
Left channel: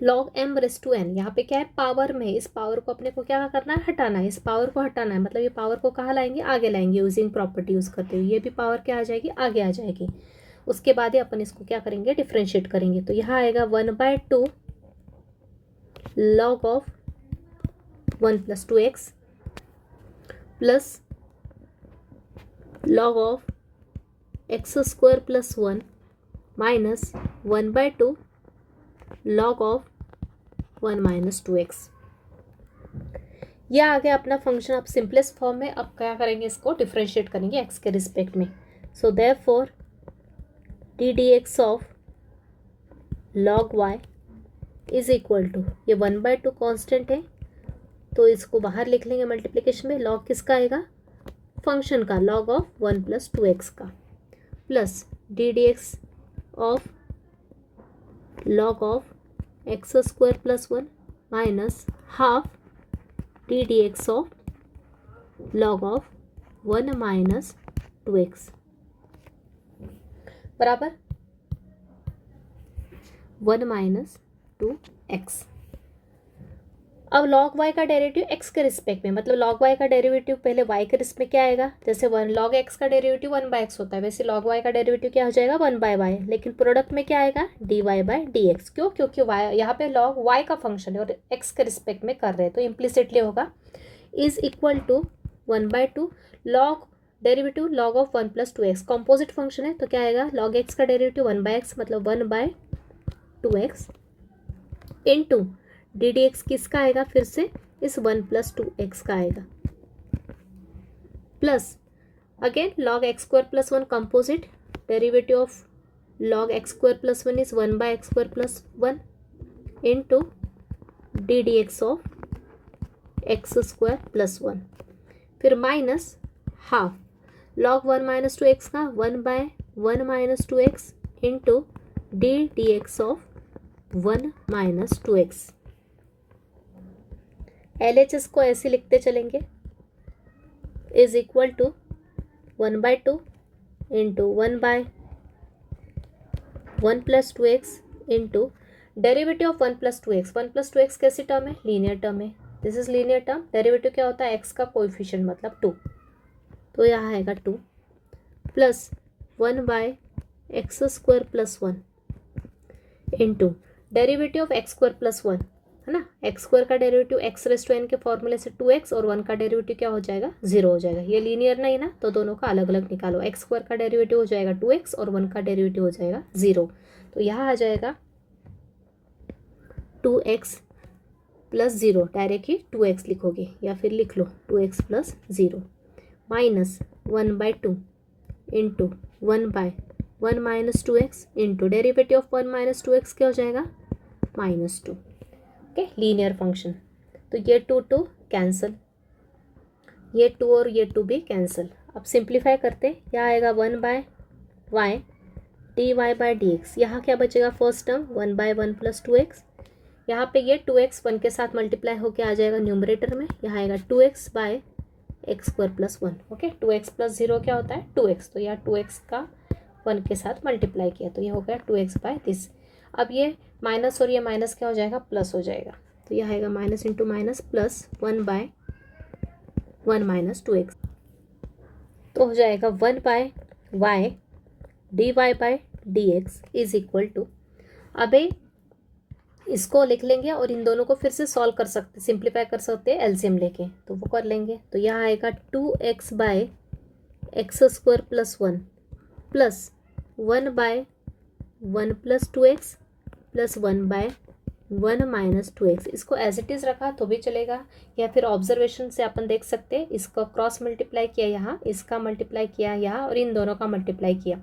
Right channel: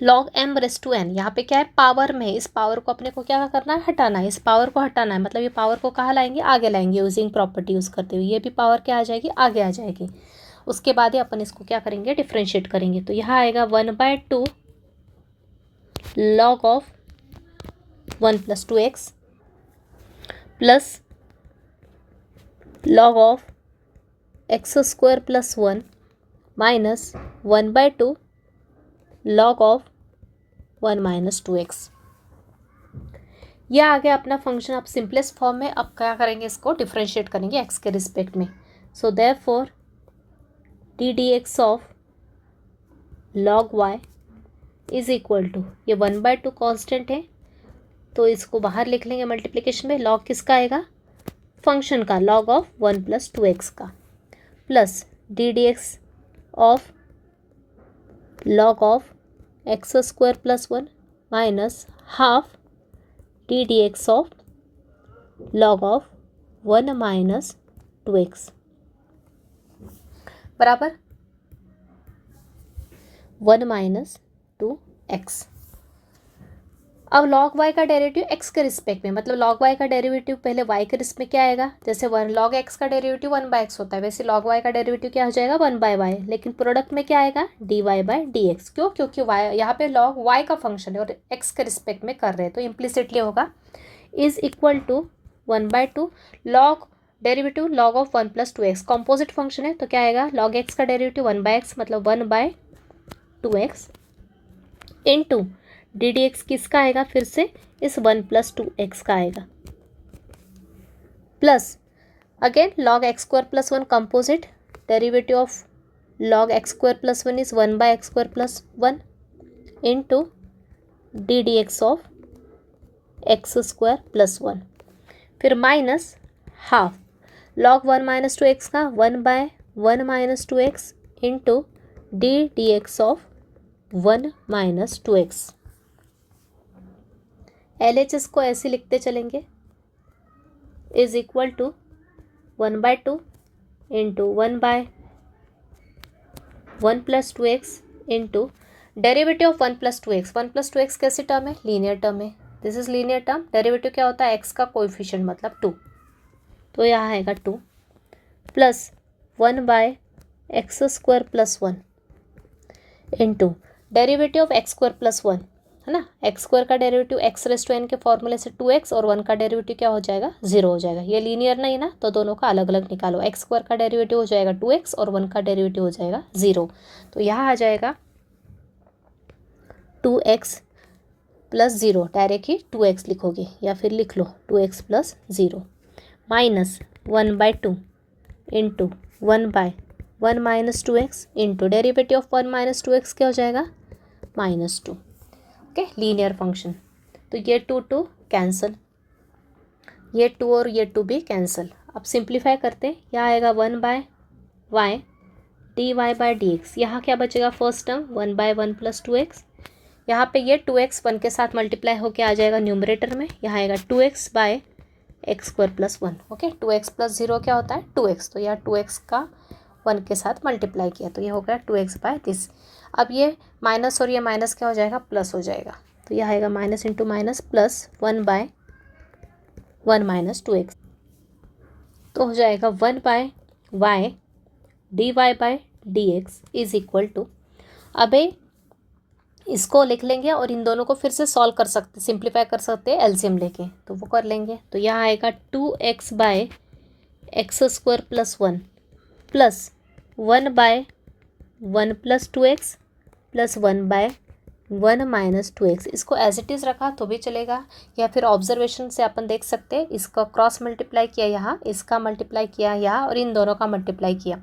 log m raise to n। यहाँ पे क्या है, पावर में है, इस पावर को अपने को क्या करना है, हटाना है, इस पावर को हटाना है, मतलब ये पावर को कहाँ लाएंगे, आगे लाएंगे यूजिंग प्रॉपर्टी यूज़ करते हुए। ये भी पावर क्या आ जाएगी, आगे आ जाएगी। उसके बाद ही अपन इसको क्या करेंगे, डिफ्रेंशिएट करेंगे। तो यहाँ आएगा 1/2 log of 1 + 2x plus log of x square plus 1 minus 1/2 log of 1 - 2x। यह आ गया अपना फंक्शन। अब सिंपलेस्ट फॉर्म में अब क्या करेंगे, इसको डिफ्रेंशिएट करेंगे एक्स के रिस्पेक्ट में। So therefore d d x of log y is equal to, ये 1/2 कॉन्स्टेंट है तो इसको बाहर लिख लेंगे मल्टीप्लिकेशन में, लॉग किसका आएगा, फंक्शन का, लॉग ऑफ 1 + 2x का, plus d d x of log of x square plus 1 minus half D d x of log of 1 - 2x बराबर 1 - 2x। अब log y का डेरिवेटिव x के रिस्पेक्ट में, मतलब log y का derivative पहले y के रिस्पेक्ट में क्या आएगा, जैसे log x का डेरिवेटिव 1/x होता है, वैसे log y का डेरिवेटिव क्या हो जाएगा, 1/y। लेकिन प्रोडक्ट में क्या आएगा, dy/dx। क्यों, क्योंकि y यहाँ पे log y का फंक्शन है और x के रिस्पेक्ट में कर रहे हैं, तो इम्प्लिसिटली होगा is equal to 1/2 log derivative log of 1 + 2x composite function है तो क्या आएगा log x का डेरिवेटिव 1/x मतलब 1/2x into d d x किसका आएगा फिर से इस 1 + 2x का आएगा plus again log x² + 1 composite derivative of log x² + 1 is 1/x² + 1 into d dx of x² + 1 फिर माइनस हाफ log 1 - 2x का 1/1 - 2x into d d x of 1 - 2x LHS को ऐसे लिखते चलेंगे is equal to 1/2 into 1/1 + 2x into derivative of 1 + 2x 1 + 2x कैसी term है linear term है this is linear term derivative क्या होता है x का कोएफिशिएंट मतलब 2 तो यहाँ आएगा 2 plus 1/x² + 1 into derivative of x² + 1 है ना x² का डेरिवेटिव x⁻n के फॉर्मूले से 2x और 1 का डेरिवेटिव क्या हो जाएगा 0 हो जाएगा ये लीनियर नहीं ना तो दोनों का अलग अलग निकालो x² का डेरिवेटिव हो जाएगा 2x और 1 का डेरिवेटिव हो जाएगा 0 तो यहाँ आ जाएगा 2x + 0 डायरेक्ट ही 2x लिखोगे या फिर लिख लो 2x + 0 minus 1/2 into 1/1 - 2x into derivative of 1 - 2x क्या हो जाएगा -2 ओके लीनियर फंक्शन तो ये 2 कैंसिल ये 2 और ये 2 भी कैंसिल अब सिंप्लीफाई करते यहाँ आएगा 1/y dy/dx यहाँ क्या बचेगा फर्स्ट टर्म 1/1 + 2x यहाँ पे ये 2x 1 के साथ मल्टीप्लाई होके आ जाएगा न्यूमरेटर में यहाँ आएगा 2x/x² + 1 ओके 2x + 0 क्या होता है 2x तो यहाँ 2x का 1 के साथ मल्टीप्लाई किया तो ये हो गया 2x/दिस अब ये माइनस और ये माइनस क्या हो जाएगा प्लस हो जाएगा तो यह आएगा minus into minus plus 1/1 - 2x तो हो जाएगा 1/y dy/dx is equal to अबे इसको लिख लेंगे और इन दोनों को फिर से सॉल्व कर सकते सिंप्लीफाई कर सकते हैं एलसीएम लेके तो वो कर लेंगे तो यहाँ आएगा 2x/x² + 1 plus 1/1 + 2x plus 1/1 - 2x इसको एज इट इज़ रखा तो भी चलेगा या फिर ऑब्जर्वेशन से अपन देख सकते हैं इसका क्रॉस मल्टीप्लाई किया यहाँ इसका मल्टीप्लाई किया यहाँ और इन दोनों का मल्टीप्लाई किया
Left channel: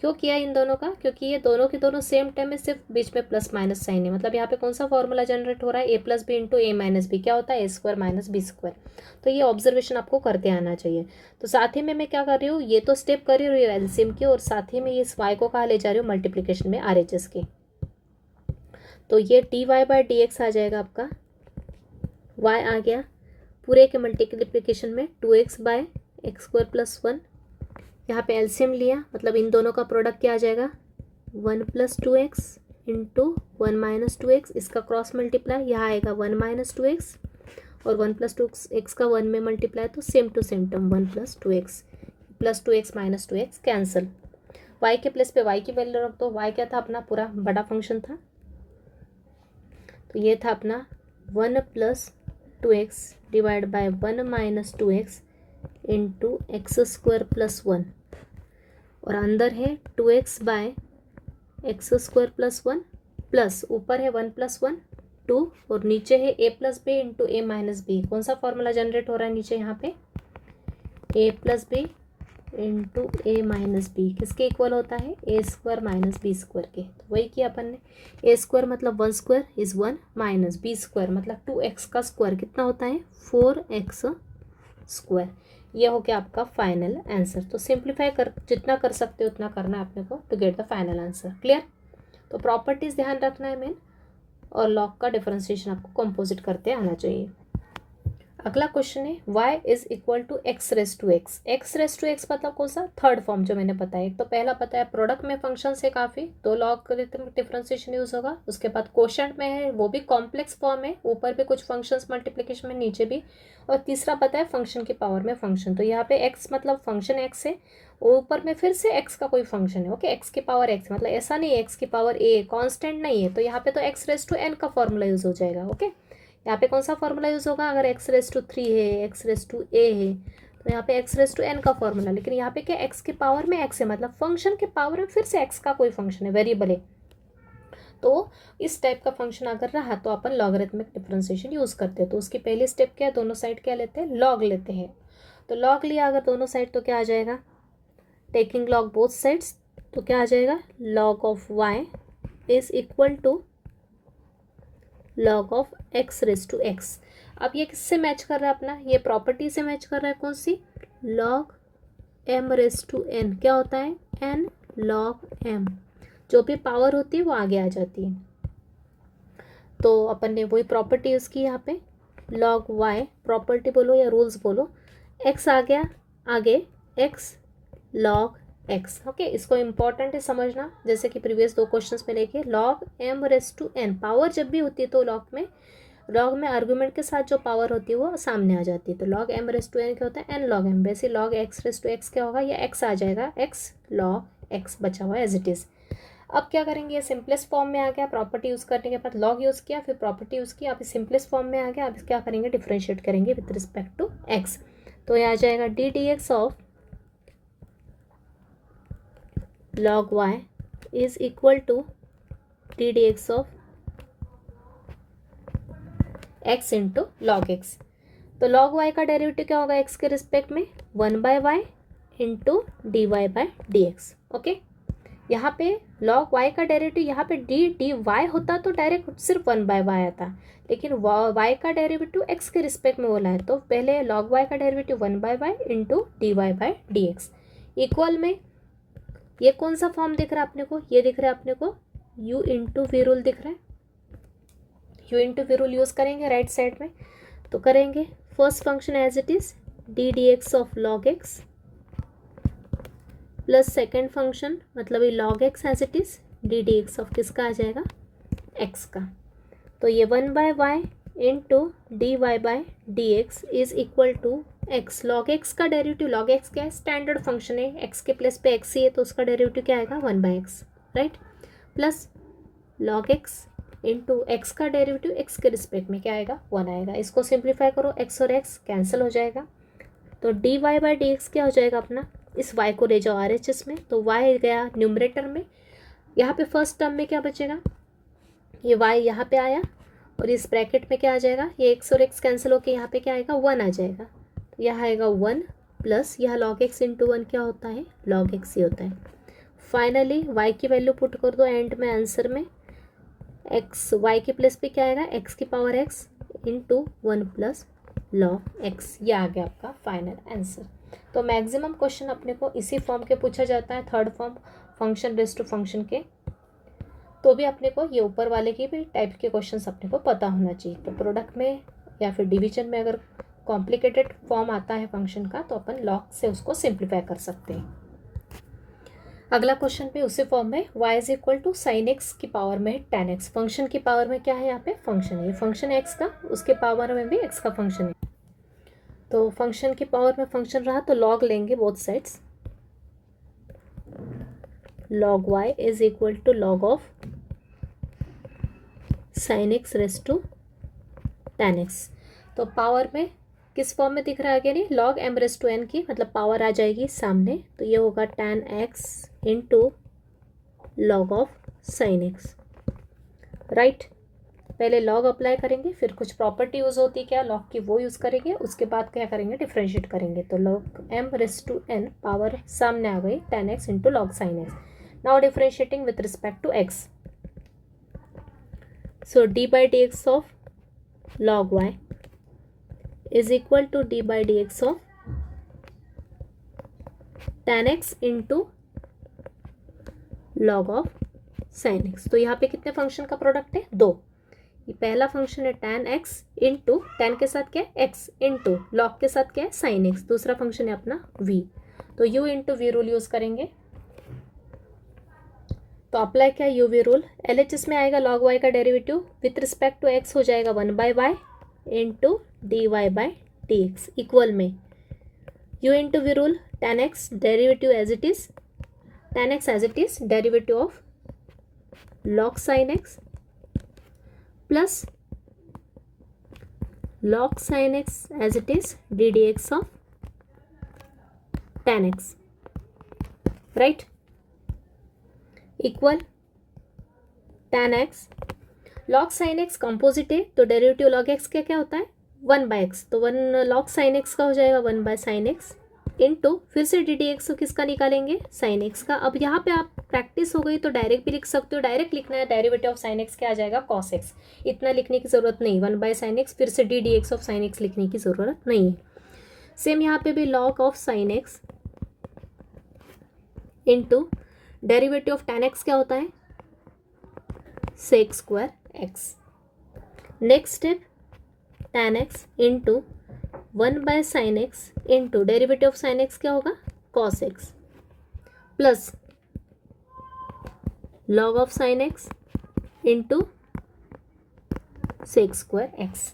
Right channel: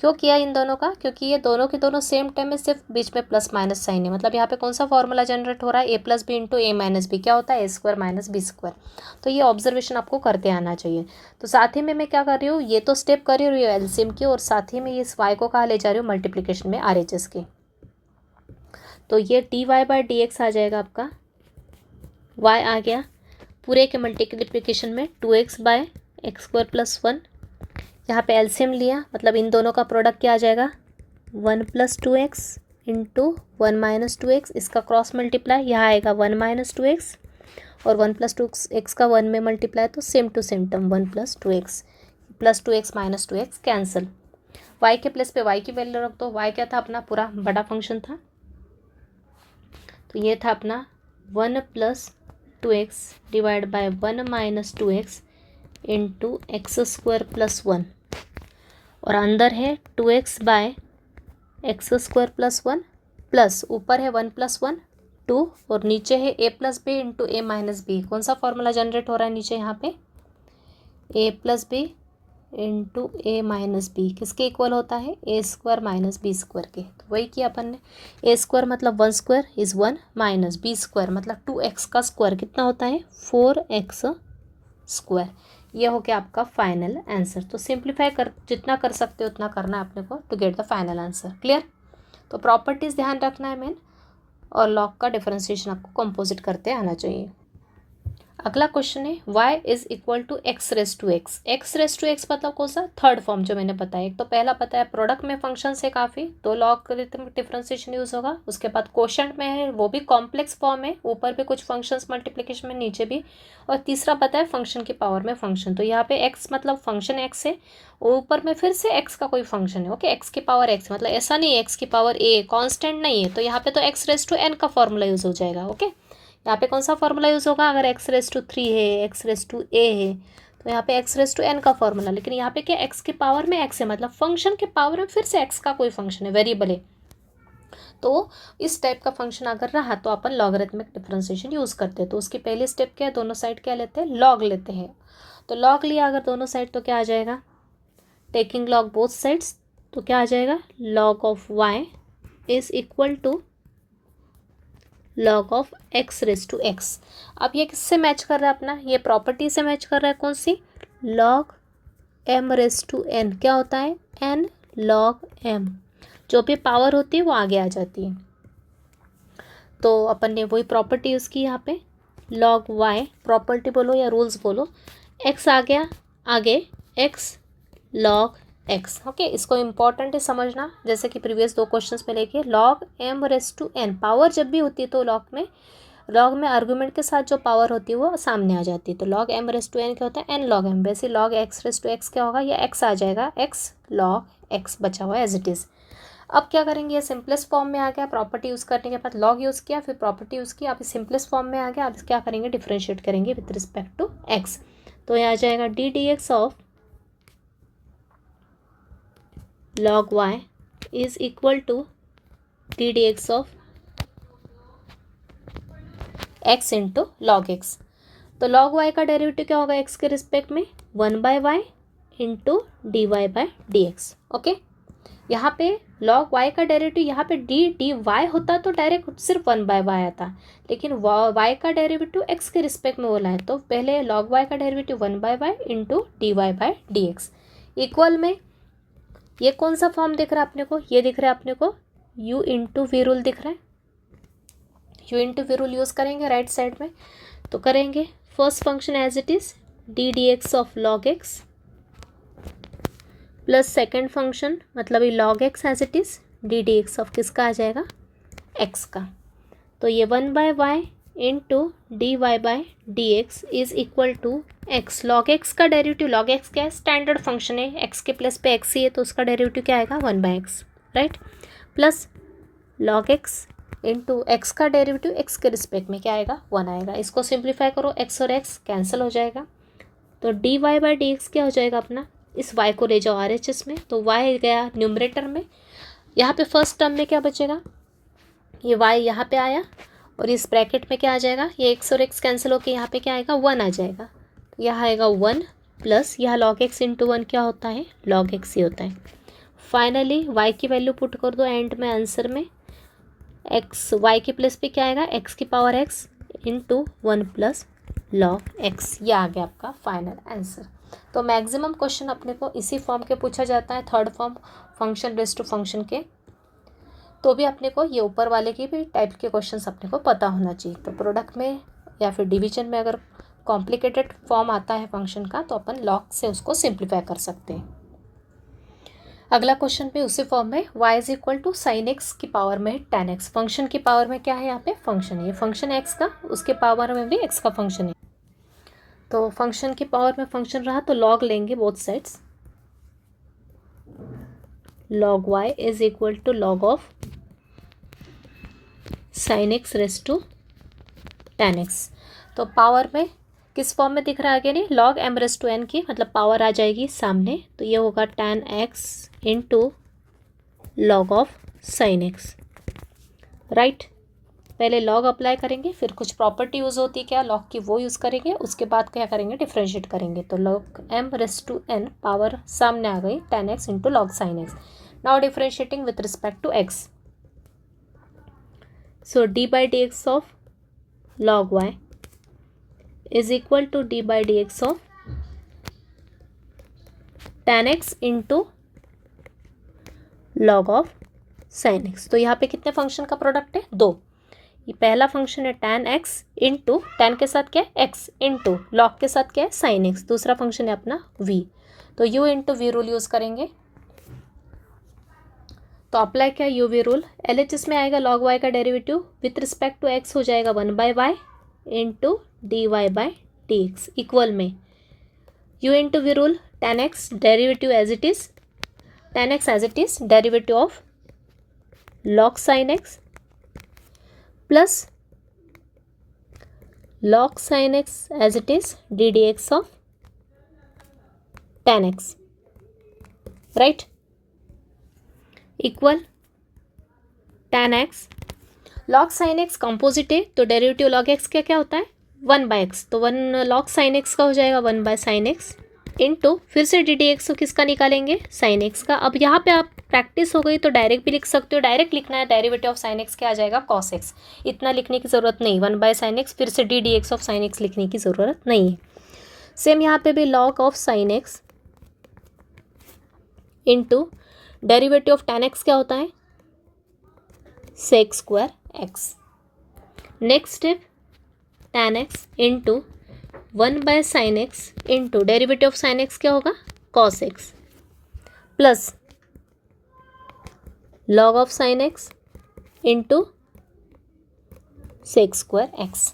क्यों किया इन दोनों का क्योंकि ये दोनों के दोनों सेम टाइम में सिर्फ बीच में प्लस माइनस साइन है मतलब यहाँ पे कौन सा फॉर्मूला जनरेट हो रहा है a + b into a - b क्या होता है a² - b²। तो ये ऑब्जर्वेशन आपको करते आना चाहिए तो साथ ही में मैं क्या कर रही हूँ ये तो स्टेप कर ही रही हूँ एलसीएम की और साथ ही में ये इस y को कहाँ ले जा रही हूँ मल्टीप्लीकेशन में RHS की तो ये dy/dx आ जाएगा आपका y आ गया पूरे के मल्टीप्लिकेशन में 2x/x² + 1 यहाँ पे एलसीएम लिया मतलब इन दोनों का प्रोडक्ट क्या आ जाएगा 1 + 2x इंटू 1 - 2x इसका क्रॉस मल्टीप्लाई यहाँ आएगा 1 - 2x और 1 + 2x का 1 में मल्टीप्लाई तो same to same term 1 + 2x + 2x - 2x cancel y के प्लेस पे y की वैल्यू रख दो y क्या था अपना पूरा बड़ा फंक्शन था तो ये था अपना 1 + 2x / 1 - 2x इंटू x² + 1 और अंदर है 2x/x² + 1 प्लस ऊपर है 1 + 1 2 और नीचे है a + b into a - b कौन सा फॉर्मूला जनरेट हो रहा है नीचे यहाँ पे a + b into a - b किसके इक्वल होता है a² - b² के तो वही किया अपन ने a² मतलब 1² इज़ 1 माइनस b² मतलब 2x का स्क्वायर कितना होता है 4x² ये हो गया आपका फाइनल आंसर तो सिंप्लीफाई कर जितना कर सकते हो उतना करना है अपने को to get the final answer clear तो प्रॉपर्टीज़ ध्यान रखना है मेन और लॉग का डिफरेंशिएशन आपको कंपोजिट करते आना चाहिए। अगला क्वेश्चन है y is equal to x⁻x x⁻x मतलब कौन सा थर्ड फॉर्म जो मैंने बताया एक तो पहला पता है प्रोडक्ट में फंक्शन से काफ़ी तो लॉग डिफरेंशिएशन यूज़ होगा उसके बाद क्वोशंट में है वो भी कॉम्प्लेक्स फॉर्म है ऊपर भी कुछ फंक्शंस मल्टीप्लिकेशन में नीचे भी और तीसरा पता है फंक्शन की पावर में फंक्शन तो यहाँ पे x मतलब फंक्शन x है ऊपर में फिर से x का कोई फंक्शन है ओके x की पावर x मतलब ऐसा नहीं है x की पावर a कांस्टेंट नहीं है तो यहाँ पे तो x⁻n का फॉर्मूला यूज़ हो जाएगा ओके यहाँ पे कौन सा फॉर्मूला यूज़ होगा, अगर x⁻³ है, x⁻a है, तो यहाँ पे x⁻n का फॉर्मूला। लेकिन यहाँ पे क्या x के पावर में x है, मतलब फंक्शन के पावर में फिर से x का कोई फंक्शन है, वेरिएबल है। तो इस टाइप का फंक्शन अगर रहा तो अपन लॉगरिथमिक डिफरेंशिएशन यूज़ करते हैं। तो उसकी पहली स्टेप क्या है, दोनों साइड क्या लेते हैं, लॉग लेते हैं। तो लॉग लिया अगर दोनों साइड तो क्या आ जाएगा, टेकिंग लॉग बोथ साइड्स, तो क्या आ जाएगा, log of y is equal to log of x⁻x। अब ये किससे मैच कर रहा है अपना, ये प्रॉपर्टी से मैच कर रहा है, कौन सी, लॉग m⁻n। क्या होता है, n log m, जो भी पावर होती है वो आगे आ जाती है। तो अपन ने वही प्रॉपर्टी यूज़ की यहाँ पे, लॉग y, प्रॉपर्टी बोलो या रूल्स बोलो, x आ गया आगे, x log x। ओके, इसको इम्पॉर्टेंट है समझना, जैसे कि प्रीवियस 2 क्वेश्चंस में लेके log m⁻n, पावर जब भी होती है तो लॉग में आर्गुमेंट के साथ जो पावर होती है वो सामने आ जाती है। तो log m⁻n क्या होता है, n log m। वैसे log x⁻x क्या होगा, ये x आ जाएगा, x log x बचा हुआ है एज इट इज़। अब क्या करेंगे, ये सिंपलेस्ट फॉर्म में आ गया, प्रॉपर्टी यूज़ करने के बाद लॉग यूज़ किया, फिर प्रॉपर्टी यूज़ की, अब सिंपलेस्ट फॉर्म में आ गया। अब क्या करेंगे, डिफ्रेंशिएट करेंगे विद रिस्पेक्ट टू x। तो ये आ जाएगा ddx of log y is equal to ddx of x into log x। तो log y का डेरिवेटिव क्या होगा x के रिस्पेक्ट में, 1/y इंटू dy/dx। ओके, यहाँ पे log y का डेरिवेटिव, यहाँ पे dy होता तो डायरेक्ट सिर्फ 1/y आता, लेकिन y का डेरिवेटिव x के रिस्पेक्ट में बोला है, तो पहले log y का derivative 1/y into dy/dx equal में, ये कौन सा फॉर्म दिख रहा है अपने को, ये दिख रहा है अपने को u इंटू वी रूल दिख रहा है, u into v rule use करेंगे राइट साइड में। तो करेंगे first function as it is ddx of log x plus second function मतलब ये log x as it is ddx of किसका आ जाएगा, x का। तो ये 1/y into dy/dx is equal to x। log x का डेरिवेटिव, log x क्या है, स्टैंडर्ड फंक्शन है, x के प्लस पे x ही है, तो उसका डेरिवेटिव क्या आएगा, 1/x, right, plus log x into x का डेरिवेटिव x के रिस्पेक्ट में क्या आएगा, 1 आएगा। इसको सिंप्लीफाई करो, x और x कैंसिल हो जाएगा, तो dy/dx क्या हो जाएगा अपना, इस y को ले जाओ RHS में, तो y गया न्यूमरेटर में, यहाँ पे फर्स्ट टर्म में क्या बचेगा, ये y यहाँ पे आया, और इस ब्रैकेट में क्या आ जाएगा, ये x और x कैंसिल होकर यहाँ पे क्या आएगा, 1 आ जाएगा, तो यहाँ आएगा 1 प्लस यहाँ log x इंटू 1 क्या होता है, log x ही होता है। फाइनली y की वैल्यू पुट कर दो एंड में आंसर में, x y के प्लस पे क्या आएगा, x की power x into 1 plus log x, ये आ गया आपका फाइनल आंसर। तो मैक्सिमम क्वेश्चन अपने को इसी फॉर्म के पूछा जाता है, third form function based to function के, तो भी अपने को ये ऊपर वाले की भी टाइप के क्वेश्चंस अपने को पता होना चाहिए। तो प्रोडक्ट में या फिर डिवीजन में अगर कॉम्प्लिकेटेड फॉर्म आता है फंक्शन का, तो अपन लॉग से उसको सिंप्लीफाई कर सकते हैं। अगला क्वेश्चन भी उसी फॉर्म में, y is equal to sine x की पावर में tan x, फंक्शन की पावर में क्या है, यहाँ पे फंक्शन है, ये फंक्शन है x का, उसके पावर में भी x का फंक्शन है। तो फंक्शन की पावर में फंक्शन रहा तो लॉग लेंगे both sides, log y is equal to log of sine x raise to tan x। तो पावर में किस फॉर्म में दिख रहा है, आगे नहीं, log m⁻n की, मतलब पावर आ जाएगी सामने, तो ये होगा tan x into log of sine x, right. पहले लॉग अप्लाई करेंगे, फिर कुछ प्रॉपर्टी यूज़ होती है क्या लॉग की, वो यूज़ करेंगे, उसके बाद क्या करेंगे, डिफ्रेंशिएट करेंगे। तो log m⁻n पावर सामने आ गई, tan x into log sine x. Now differentiating with respect to x, so d/dx of log y is equal to d/dx of tan x into log of sine x. तो यहाँ पे कितने function का product है, 2। ये पहला फंक्शन है tan x इंटू, tan के साथ क्या है x इंटू log के साथ क्या है sin x, दूसरा फंक्शन है अपना v। तो u into v rule use करेंगे, तो अप्लाई क्या यू वी रूल, LHS में आएगा log y का derivative with respect to x हो जाएगा 1/y इंटू dy/dx इक्वल में u into v rule, tan x derivative as it is, tan x as it is derivative of log sin x plus log sin x as it is d dx of tan x, right, equal tan x log sin x composite है तो derivative log x क्या क्या होता है 1/x, तो 1 log sin x का हो जाएगा 1/sin x इनटू फिर से डी डी एक्स को किसका निकालेंगे साइन एक्स का। अब यहाँ पे आप प्रैक्टिस हो गई तो डायरेक्ट भी लिख सकते हो, डायरेक्ट लिखना है डेरिवेटिव ऑफ साइन एक्स क्या आ जाएगा कॉस एक्स, इतना लिखने की ज़रूरत नहीं, 1/sin x फिर से D d x of sine x लिखने की ज़रूरत नहीं है। सेम यहाँ पे भी log of sine x into derivative of tan x क्या होता है sec² x। Next step tan x into 1/sin x into derivative of sine x क्या होगा cos x plus log of sine x into sec² x।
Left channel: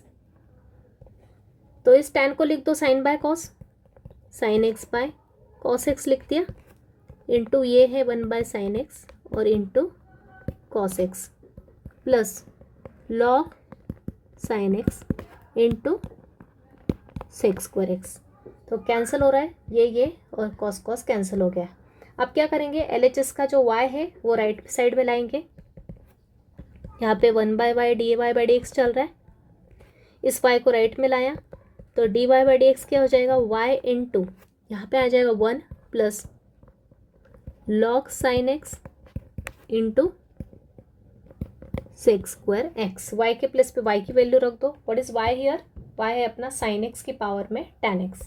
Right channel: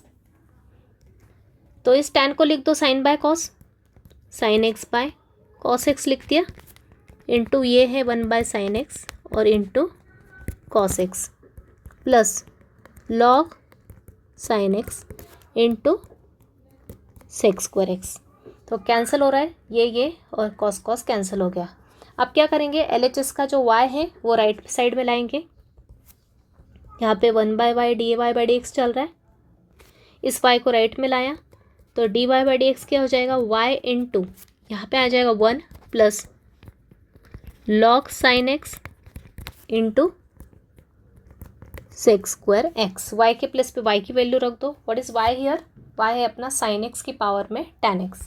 तो इस tan को लिख दो sine by cos, sine x by cos x लिख दिया, into ये है 1/sin x और into cos x plus log sine x into sec² x। तो कैंसिल हो रहा है ये और cos cos कैंसिल हो गया। अब क्या करेंगे LHS का जो y है वो राइट साइड में लाएंगे, यहाँ पे 1/y dy/dx चल रहा है, इस y को राइट में लाया तो dy/dx क्या हो जाएगा y इंटू यहाँ पे आ जाएगा 1 plus log sin x into sec² x। y के प्लेस पे y की वैल्यू रख दो, what is y here, y है अपना sin x की पावर में tan x।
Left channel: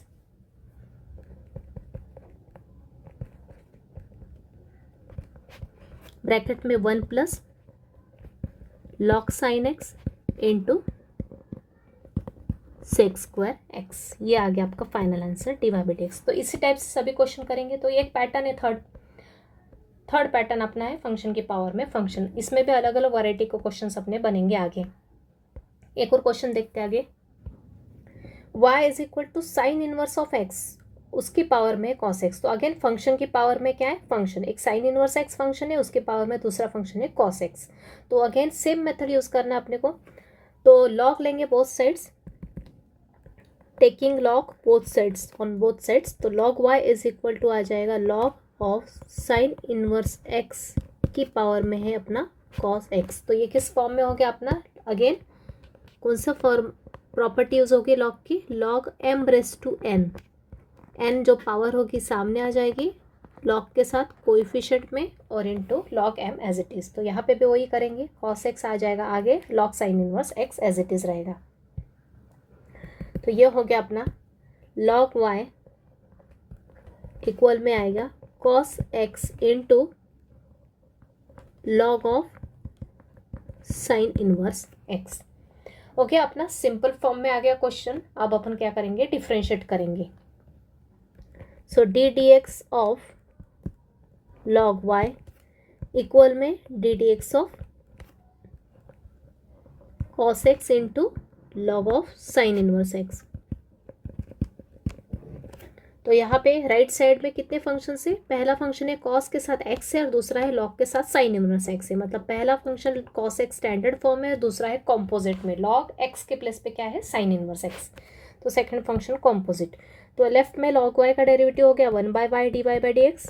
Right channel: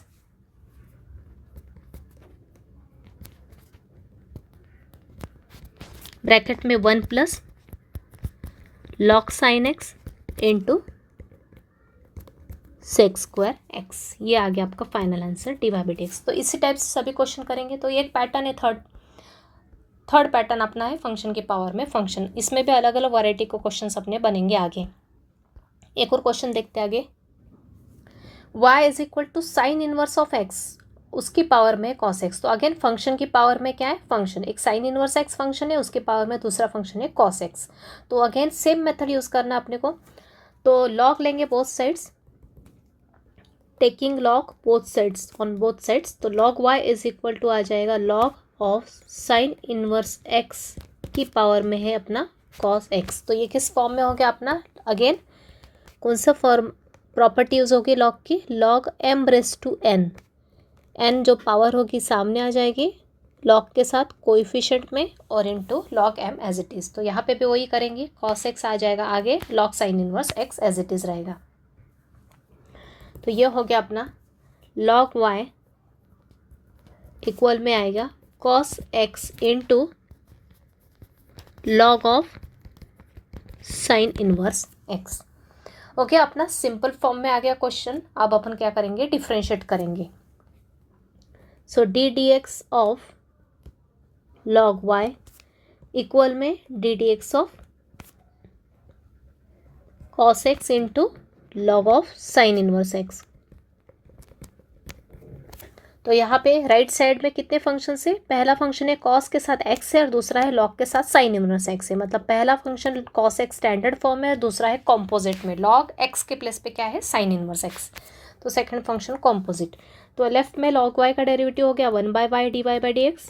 ब्रैकेट में 1 plus log sin x into sec² x, ये आ गया आपका फाइनल आंसर dy/dx। तो इसी टाइप से सभी क्वेश्चन करेंगे। तो ये एक पैटर्न है, थर्ड पैटर्न अपना है फंक्शन की पावर में फंक्शन, इसमें भी अलग अलग वैरायटी के क्वेश्चंस अपने बनेंगे आगे। एक और क्वेश्चन देखते हैं आगे, y is equal to sine inverse of x उसकी पावर में cos x। तो अगेन फंक्शन की पावर में क्या है फंक्शन, एक साइन इनवर्स x फंक्शन है उसके पावर में दूसरा फंक्शन है cos x। तो अगेन सेम मेथड यूज़ करना अपने को, तो log लेंगे both sides, taking log both sides on both sides, तो log y is equal to आ जाएगा log of sine inverse x की पावर में है अपना cos x। तो ये किस फॉर्म में हो गया अपना, अगेन कौन सा फॉर्म प्रॉपर्टी यूज़ होगी log की, log m⁻n, n जो पावर होगी सामने आ जाएगी log के साथ कोएफिशिएंट में और into log m as it is. तो यहाँ पे भी वही करेंगे, cos x आ जाएगा आगे, log sine inverse x as it is रहेगा। तो ये हो गया अपना log y इक्वल में आएगा cos x into log of sine inverse x। Okay, अपना सिंपल फॉर्म में आ गया क्वेश्चन। अब अपन क्या करेंगे डिफरेंशिएट करेंगे। So d d x of log y equal में d d x of cos x into log of sine inverse x। तो यहाँ पे राइट साइड में कितने फंक्शन है, पहला फंक्शन है cos के साथ x है और दूसरा है log के साथ साइन इनवर्स x है। मतलब पहला function cos x standard form है और दूसरा है कॉम्पोजिट में, log x के प्लेस पे क्या है साइन इनवर्स x। तो सेकंड फंक्शन कॉम्पोजिट। तो लेफ्ट में log y का डेरिवेटिव हो गया 1/y dy/dx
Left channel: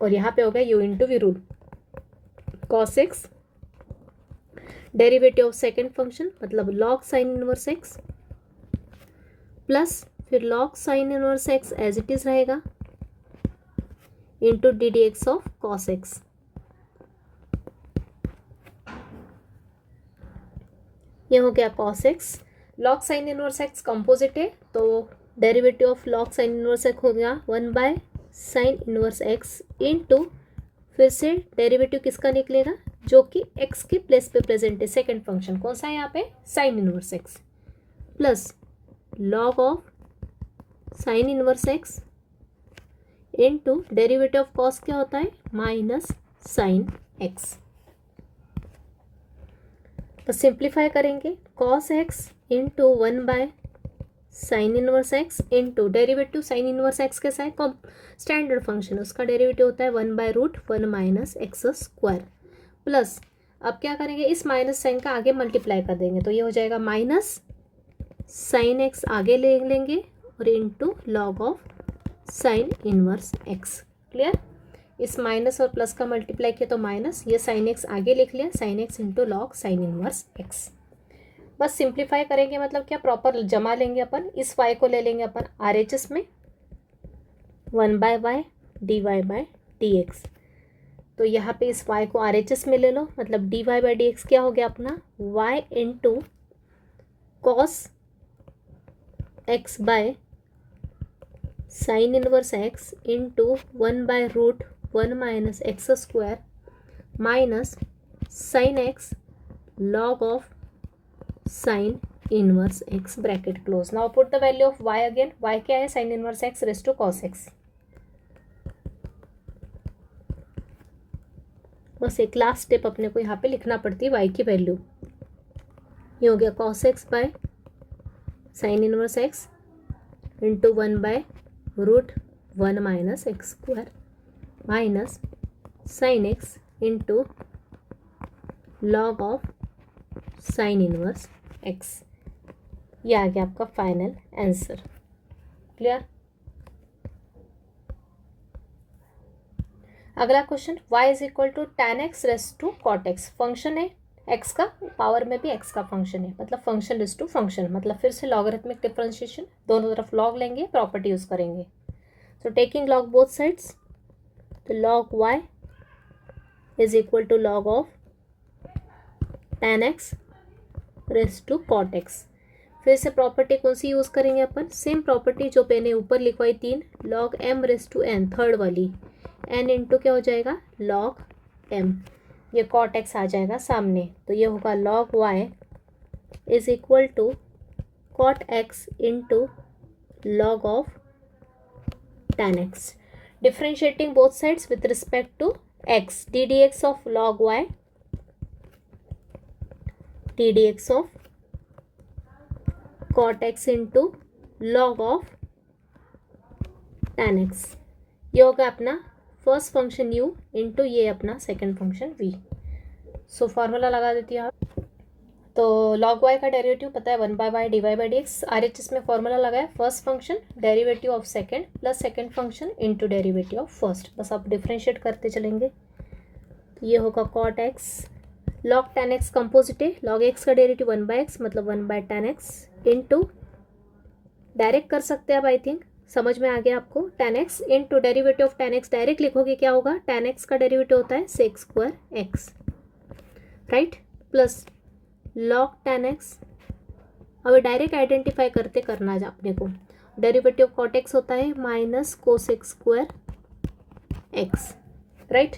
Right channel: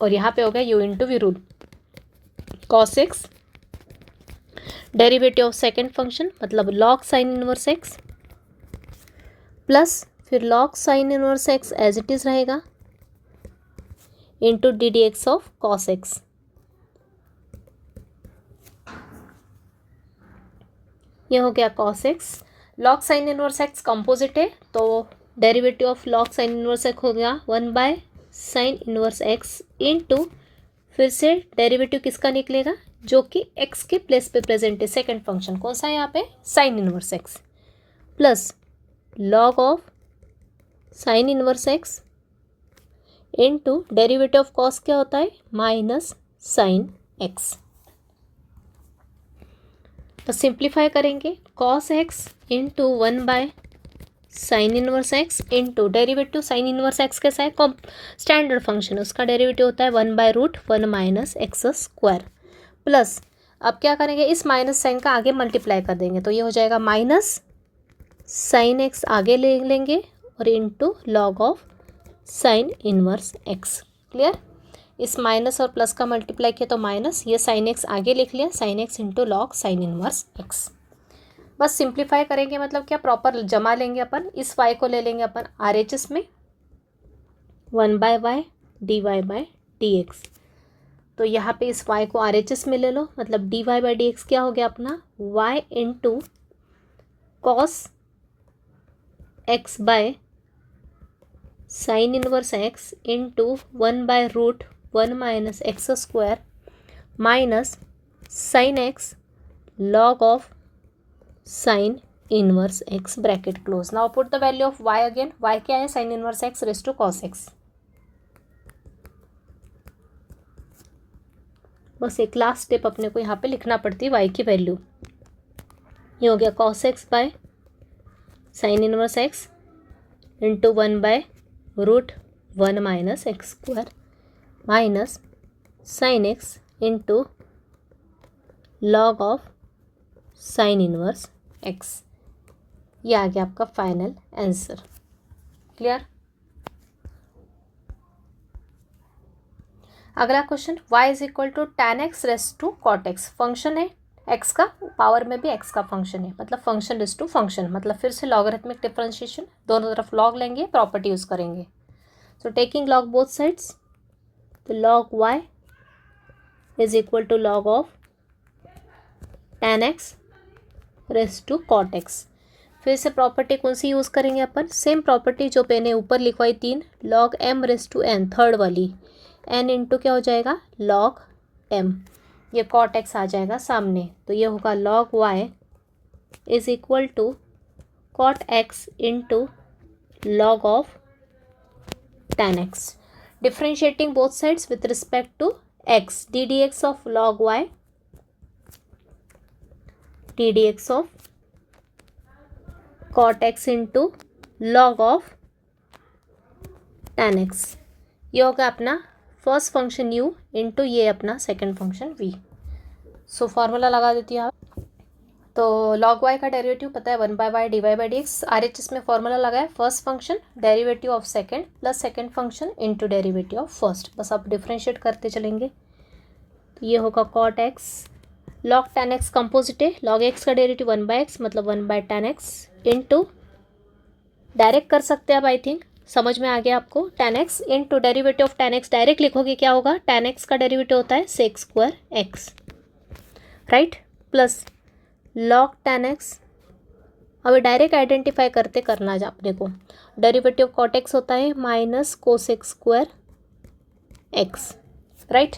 और यहाँ पे हो गया u into v rule cos x, derivative of second function मतलब log sine inverse x plus फिर log sine inverse x as it is रहेगा into d d x of cos x। ये हो गया cos x, log sine inverse x composite है तो derivative of log sine inverse x हो गया 1/sin inverse x into फिर से डेरिवेटिव किसका निकलेगा जो कि x के प्लेस पे प्रेजेंट है, सेकंड फंक्शन कौन सा है यहाँ पे sign inverse x plus log of sine inverse x into derivative of cos क्या होता है माइनस साइन x। तो सिंप्लीफाई करेंगे cos x into 1/sin inverse x into derivative sign inverse x कैसा है स्टैंडर्ड फंक्शन, उसका डेरिवेटिव होता है 1/√1 - x² प्लस अब क्या करेंगे, इस माइनस साइन का आगे मल्टीप्लाई कर देंगे, तो ये हो जाएगा माइनस साइन एक्स आगे ले लेंगे और into log of sine inverse x. Clear. इस माइनस और प्लस का मल्टीप्लाई किया तो माइनस, ये साइन एक्स आगे लिख लिया, sign x into log sign inverse x. बस सिंप्लीफाई करेंगे, मतलब क्या, प्रॉपर जमा लेंगे अपन, इस वाई को ले लेंगे अपन आर एच एस में, 1/y dy/dx। तो यहाँ पे इस y को आर एच एस में ले लो, मतलब dy/dx क्या हो गया अपना, y into cos x by sine inverse x into 1/√1 minus x square minus sine x log of sine inverse x bracket close. Now put the value of y again, y क्या है, sine inverse x raise to cos x. बस एक last step अपने को यहाँ पे लिखना पड़ती है y की वैल्यू। ये हो गया cos x by sine inverse x into 1/√1 minus x square minus sine x into log of sine inverse x. ये आ गया आपका फाइनल आंसर। क्लियर। अगला question, y is equal to tan x raise to cot x. Function है x का, power में भी x का फंक्शन है, मतलब फंक्शन रेस टू फंक्शन, मतलब फिर से लॉगरिथमिक डिफरेंशिएशन, दोनों तरफ लॉग लेंगे, प्रॉपर्टी यूज करेंगे। So taking log both sides, तो log y is equal to log of tan x raise to cot x. फिर से प्रॉपर्टी कौन सी यूज़ करेंगे अपन, सेम प्रॉपर्टी जो मैंने ऊपर लिखवाई 3, log m raise to n, third वाली, n इंटू क्या हो जाएगा, लॉग m, ये कॉट एक्स आ जाएगा सामने, तो ये होगा log y is equal to cot x into log of tan x। Differentiating both sides with respect to x, d d x of log y d d x of cot x into log of tan x। ये होगा अपना first function u into ये अपना second function v। So formula लगा देती हूँ आप। तो लॉग y का डेरिवेटिव पता है 1/y dy/dx, R H S में फॉर्मूला लगाए, first function derivative of second plus second function into derivative of first, बस आप डिफ्रेंशिएट करते चलेंगे। तो ये होगा cot x log tan x composite है, लॉग x का डेरिवेटिव 1/x मतलब 1/tan x इंटू, डायरेक्ट कर सकते हैं आप, आई थिंक समझ में आ गया आपको, tan x into derivative of tan x direct लिखोगे क्या होगा, tan x का डेरिवेटिव होता है sec square x, right, plus log tan x, अभी डायरेक्ट आइडेंटिफाई करते करना जा अपने को, डेरिवेटिव कॉट एक्स होता है minus cosec square x, right.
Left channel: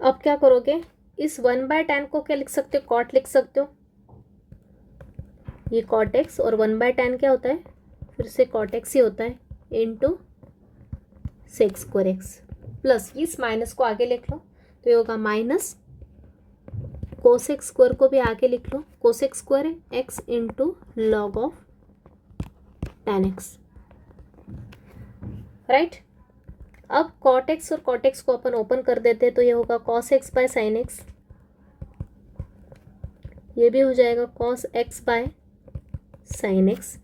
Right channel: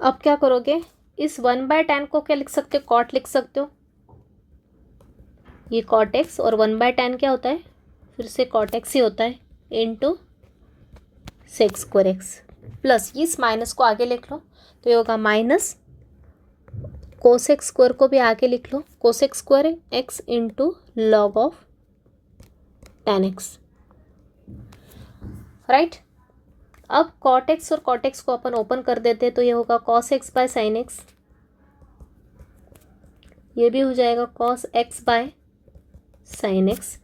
अब क्या करोगे, इस 1/tan को क्या लिख सकते हो, कॉट लिख सकते हो, ये कॉट एक्स, और 1/tan क्या होता है, फिर से कॉट एक्स ही होता है into sec square x, plus इस माइनस को आगे लिख लो, तो ये होगा माइनस कोसेक स्क्वायर को भी आगे लिख लो, cosec square x into log of tan x, right. अब कॉट एक्स और कॉट एक्स को अपन ओपन कर देते हैं, तो ये होगा cos x by sine x, ये भी हो जाएगा cos x by sine x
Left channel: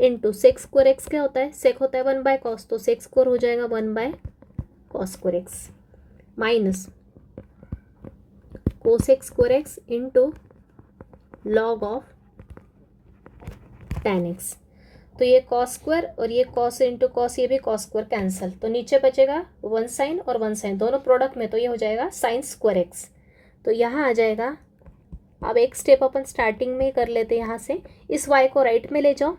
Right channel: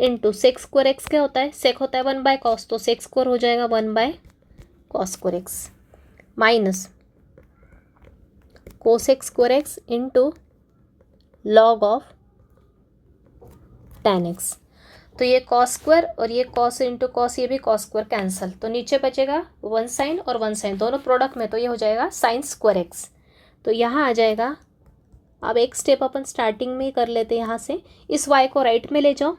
into sec square x क्या होता है, सेक होता है 1/cos, तो सेक स्क्वायर हो जाएगा 1/cos square x minus cosec square x into log of tan x. तो ये कॉस स्क्वायर और ये कॉस इंटू कॉस, ये भी कॉस स्क्वायर कैंसिल, तो नीचे बचेगा 1 साइन और 1 साइन दोनों प्रोडक्ट में, तो ये हो जाएगा साइन स्क्वायर एक्स। तो यहाँ आ जाएगा, अब एक स्टेप अपन स्टार्टिंग में ही कर लेते हैं, यहाँ से इस y को राइट में ले जाओ,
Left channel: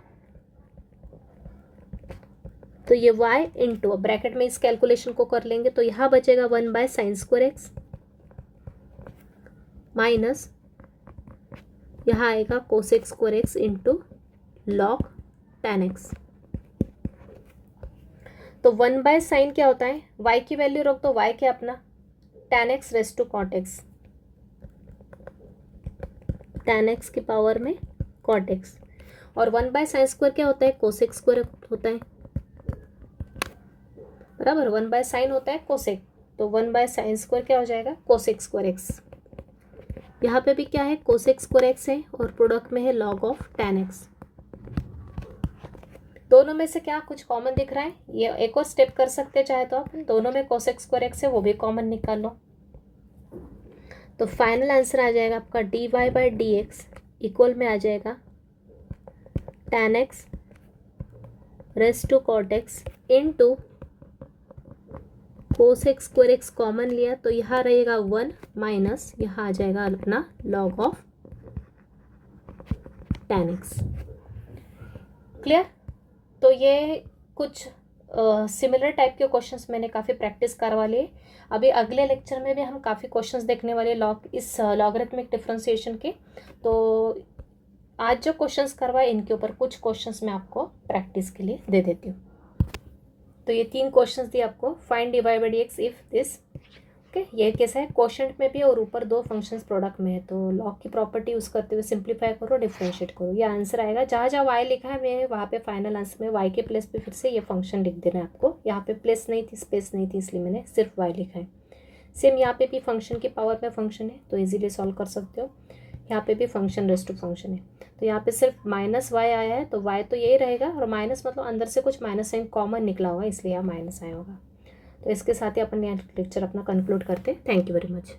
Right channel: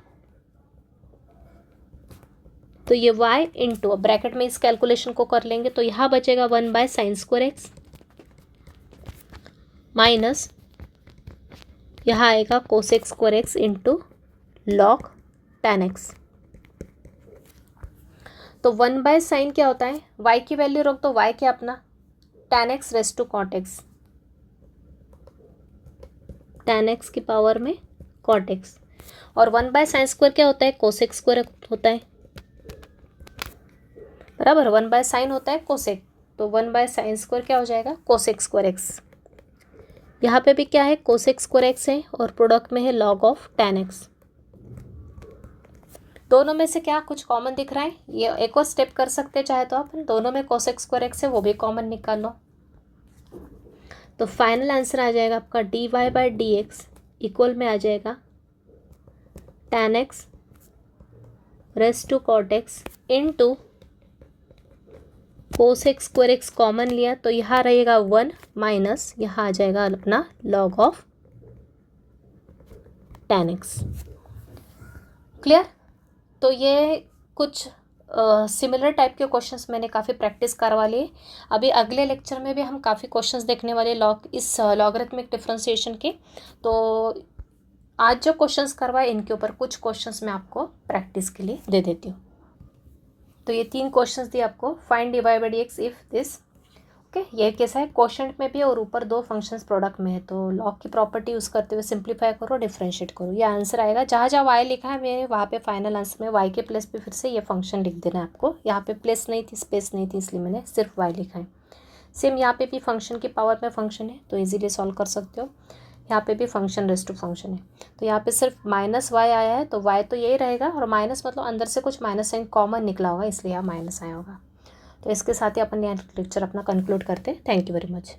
तो ये y इंटू, ब्रैकेट में इस कैलकुलेशन को कर लेंगे, तो यहाँ बचेगा 1/sin स्क्वायर एक्स माइनस यहाँ आएगा cosec square x into log tan x. तो 1/sin क्या होता है, y की वैल्यू रख दो, y क्या अपना tan x raise to cot x, tan x की पावर में कॉट एक्स, और 1/sin स्क्वायर क्या होता है, कोसेक स्क्वायर होता है, बराबर, 1/sin होता है कोसेक, तो 1/sin स्क्वायर क्या हो जाएगा, कोसेक स्क्वायर एक्स, यहाँ पे भी क्या है, कोसेक स्क्वायर एक्स है और प्रोडक्ट में है लॉग ऑफ tan एक्स। दोनों में से क्या कुछ कॉमन दिख रहा है? ये एक और स्टेप कर सकते हैं चाहे तो आप, दोनों में कोसेक स्क्वायर एक्स है वो भी कॉमन निकाल लो। तो फाइनल आंसर आ जाएगा आपका dy by d x equal में आ जाएगा tan x raise to cot x into cosec square x common लिया तो यहाँ रहेगा 1 माइनस यहाँ आ जाएगा अपना log of tan x. Clear? तो ये कुछ सिमिलर टाइप के क्वेश्चंस मैंने काफ़ी प्रैक्टिस करवा लिए। अभी अगले लेक्चर में भी हम काफ़ी क्वेश्चंस देखने वाले इस लॉगरिथमिक डिफरेंशिएशन के। तो आज जो क्वेश्चंस करवाए इनके ऊपर कुछ क्वेश्चंस मैं आपको प्रैक्टिस के लिए दे देती हूँ। तो ये 3 क्वेश्चंस दिए आपको, find dy by d x if this. Okay, ये कैसा है, क्वोशंट में भी और ऊपर 2 फंक्शंस प्रोडक्ट में है। तो लॉग की प्रॉपर्टी यूज़ करते हुए सिंप्लीफाई करो, डिफरेंशिएट करो, ये आंसर आएगा। जहाँ जहाँ y लिखा है मैंने वहाँ पे फाइनल आंसर में y के प्लेस पे फिर से ये फंक्शन लिख देना है आपको। यहाँ पे प्लेस नहीं थी, स्पेस नहीं थी, इसलिए मैंने सिर्फ y लिखा है। सेम यहाँ पे भी फंक्शन की पावर में फंक्शन है तो ईजिली सॉल्व कर सकते हो। यहाँ पे भी फंक्शन रेस टू फंक्शन है तो यहाँ पे सिर्फ -y आया है तो y तो यही रहेगा, और माइनस मतलब अंदर से कुछ माइनस साइन कॉमन निकला होगा इसलिए यहाँ माइनस आया होगा। तो इसके साथ ही अपन यहाँ लेक्चर अपना कंक्लूड करते हैं। Thank you very much.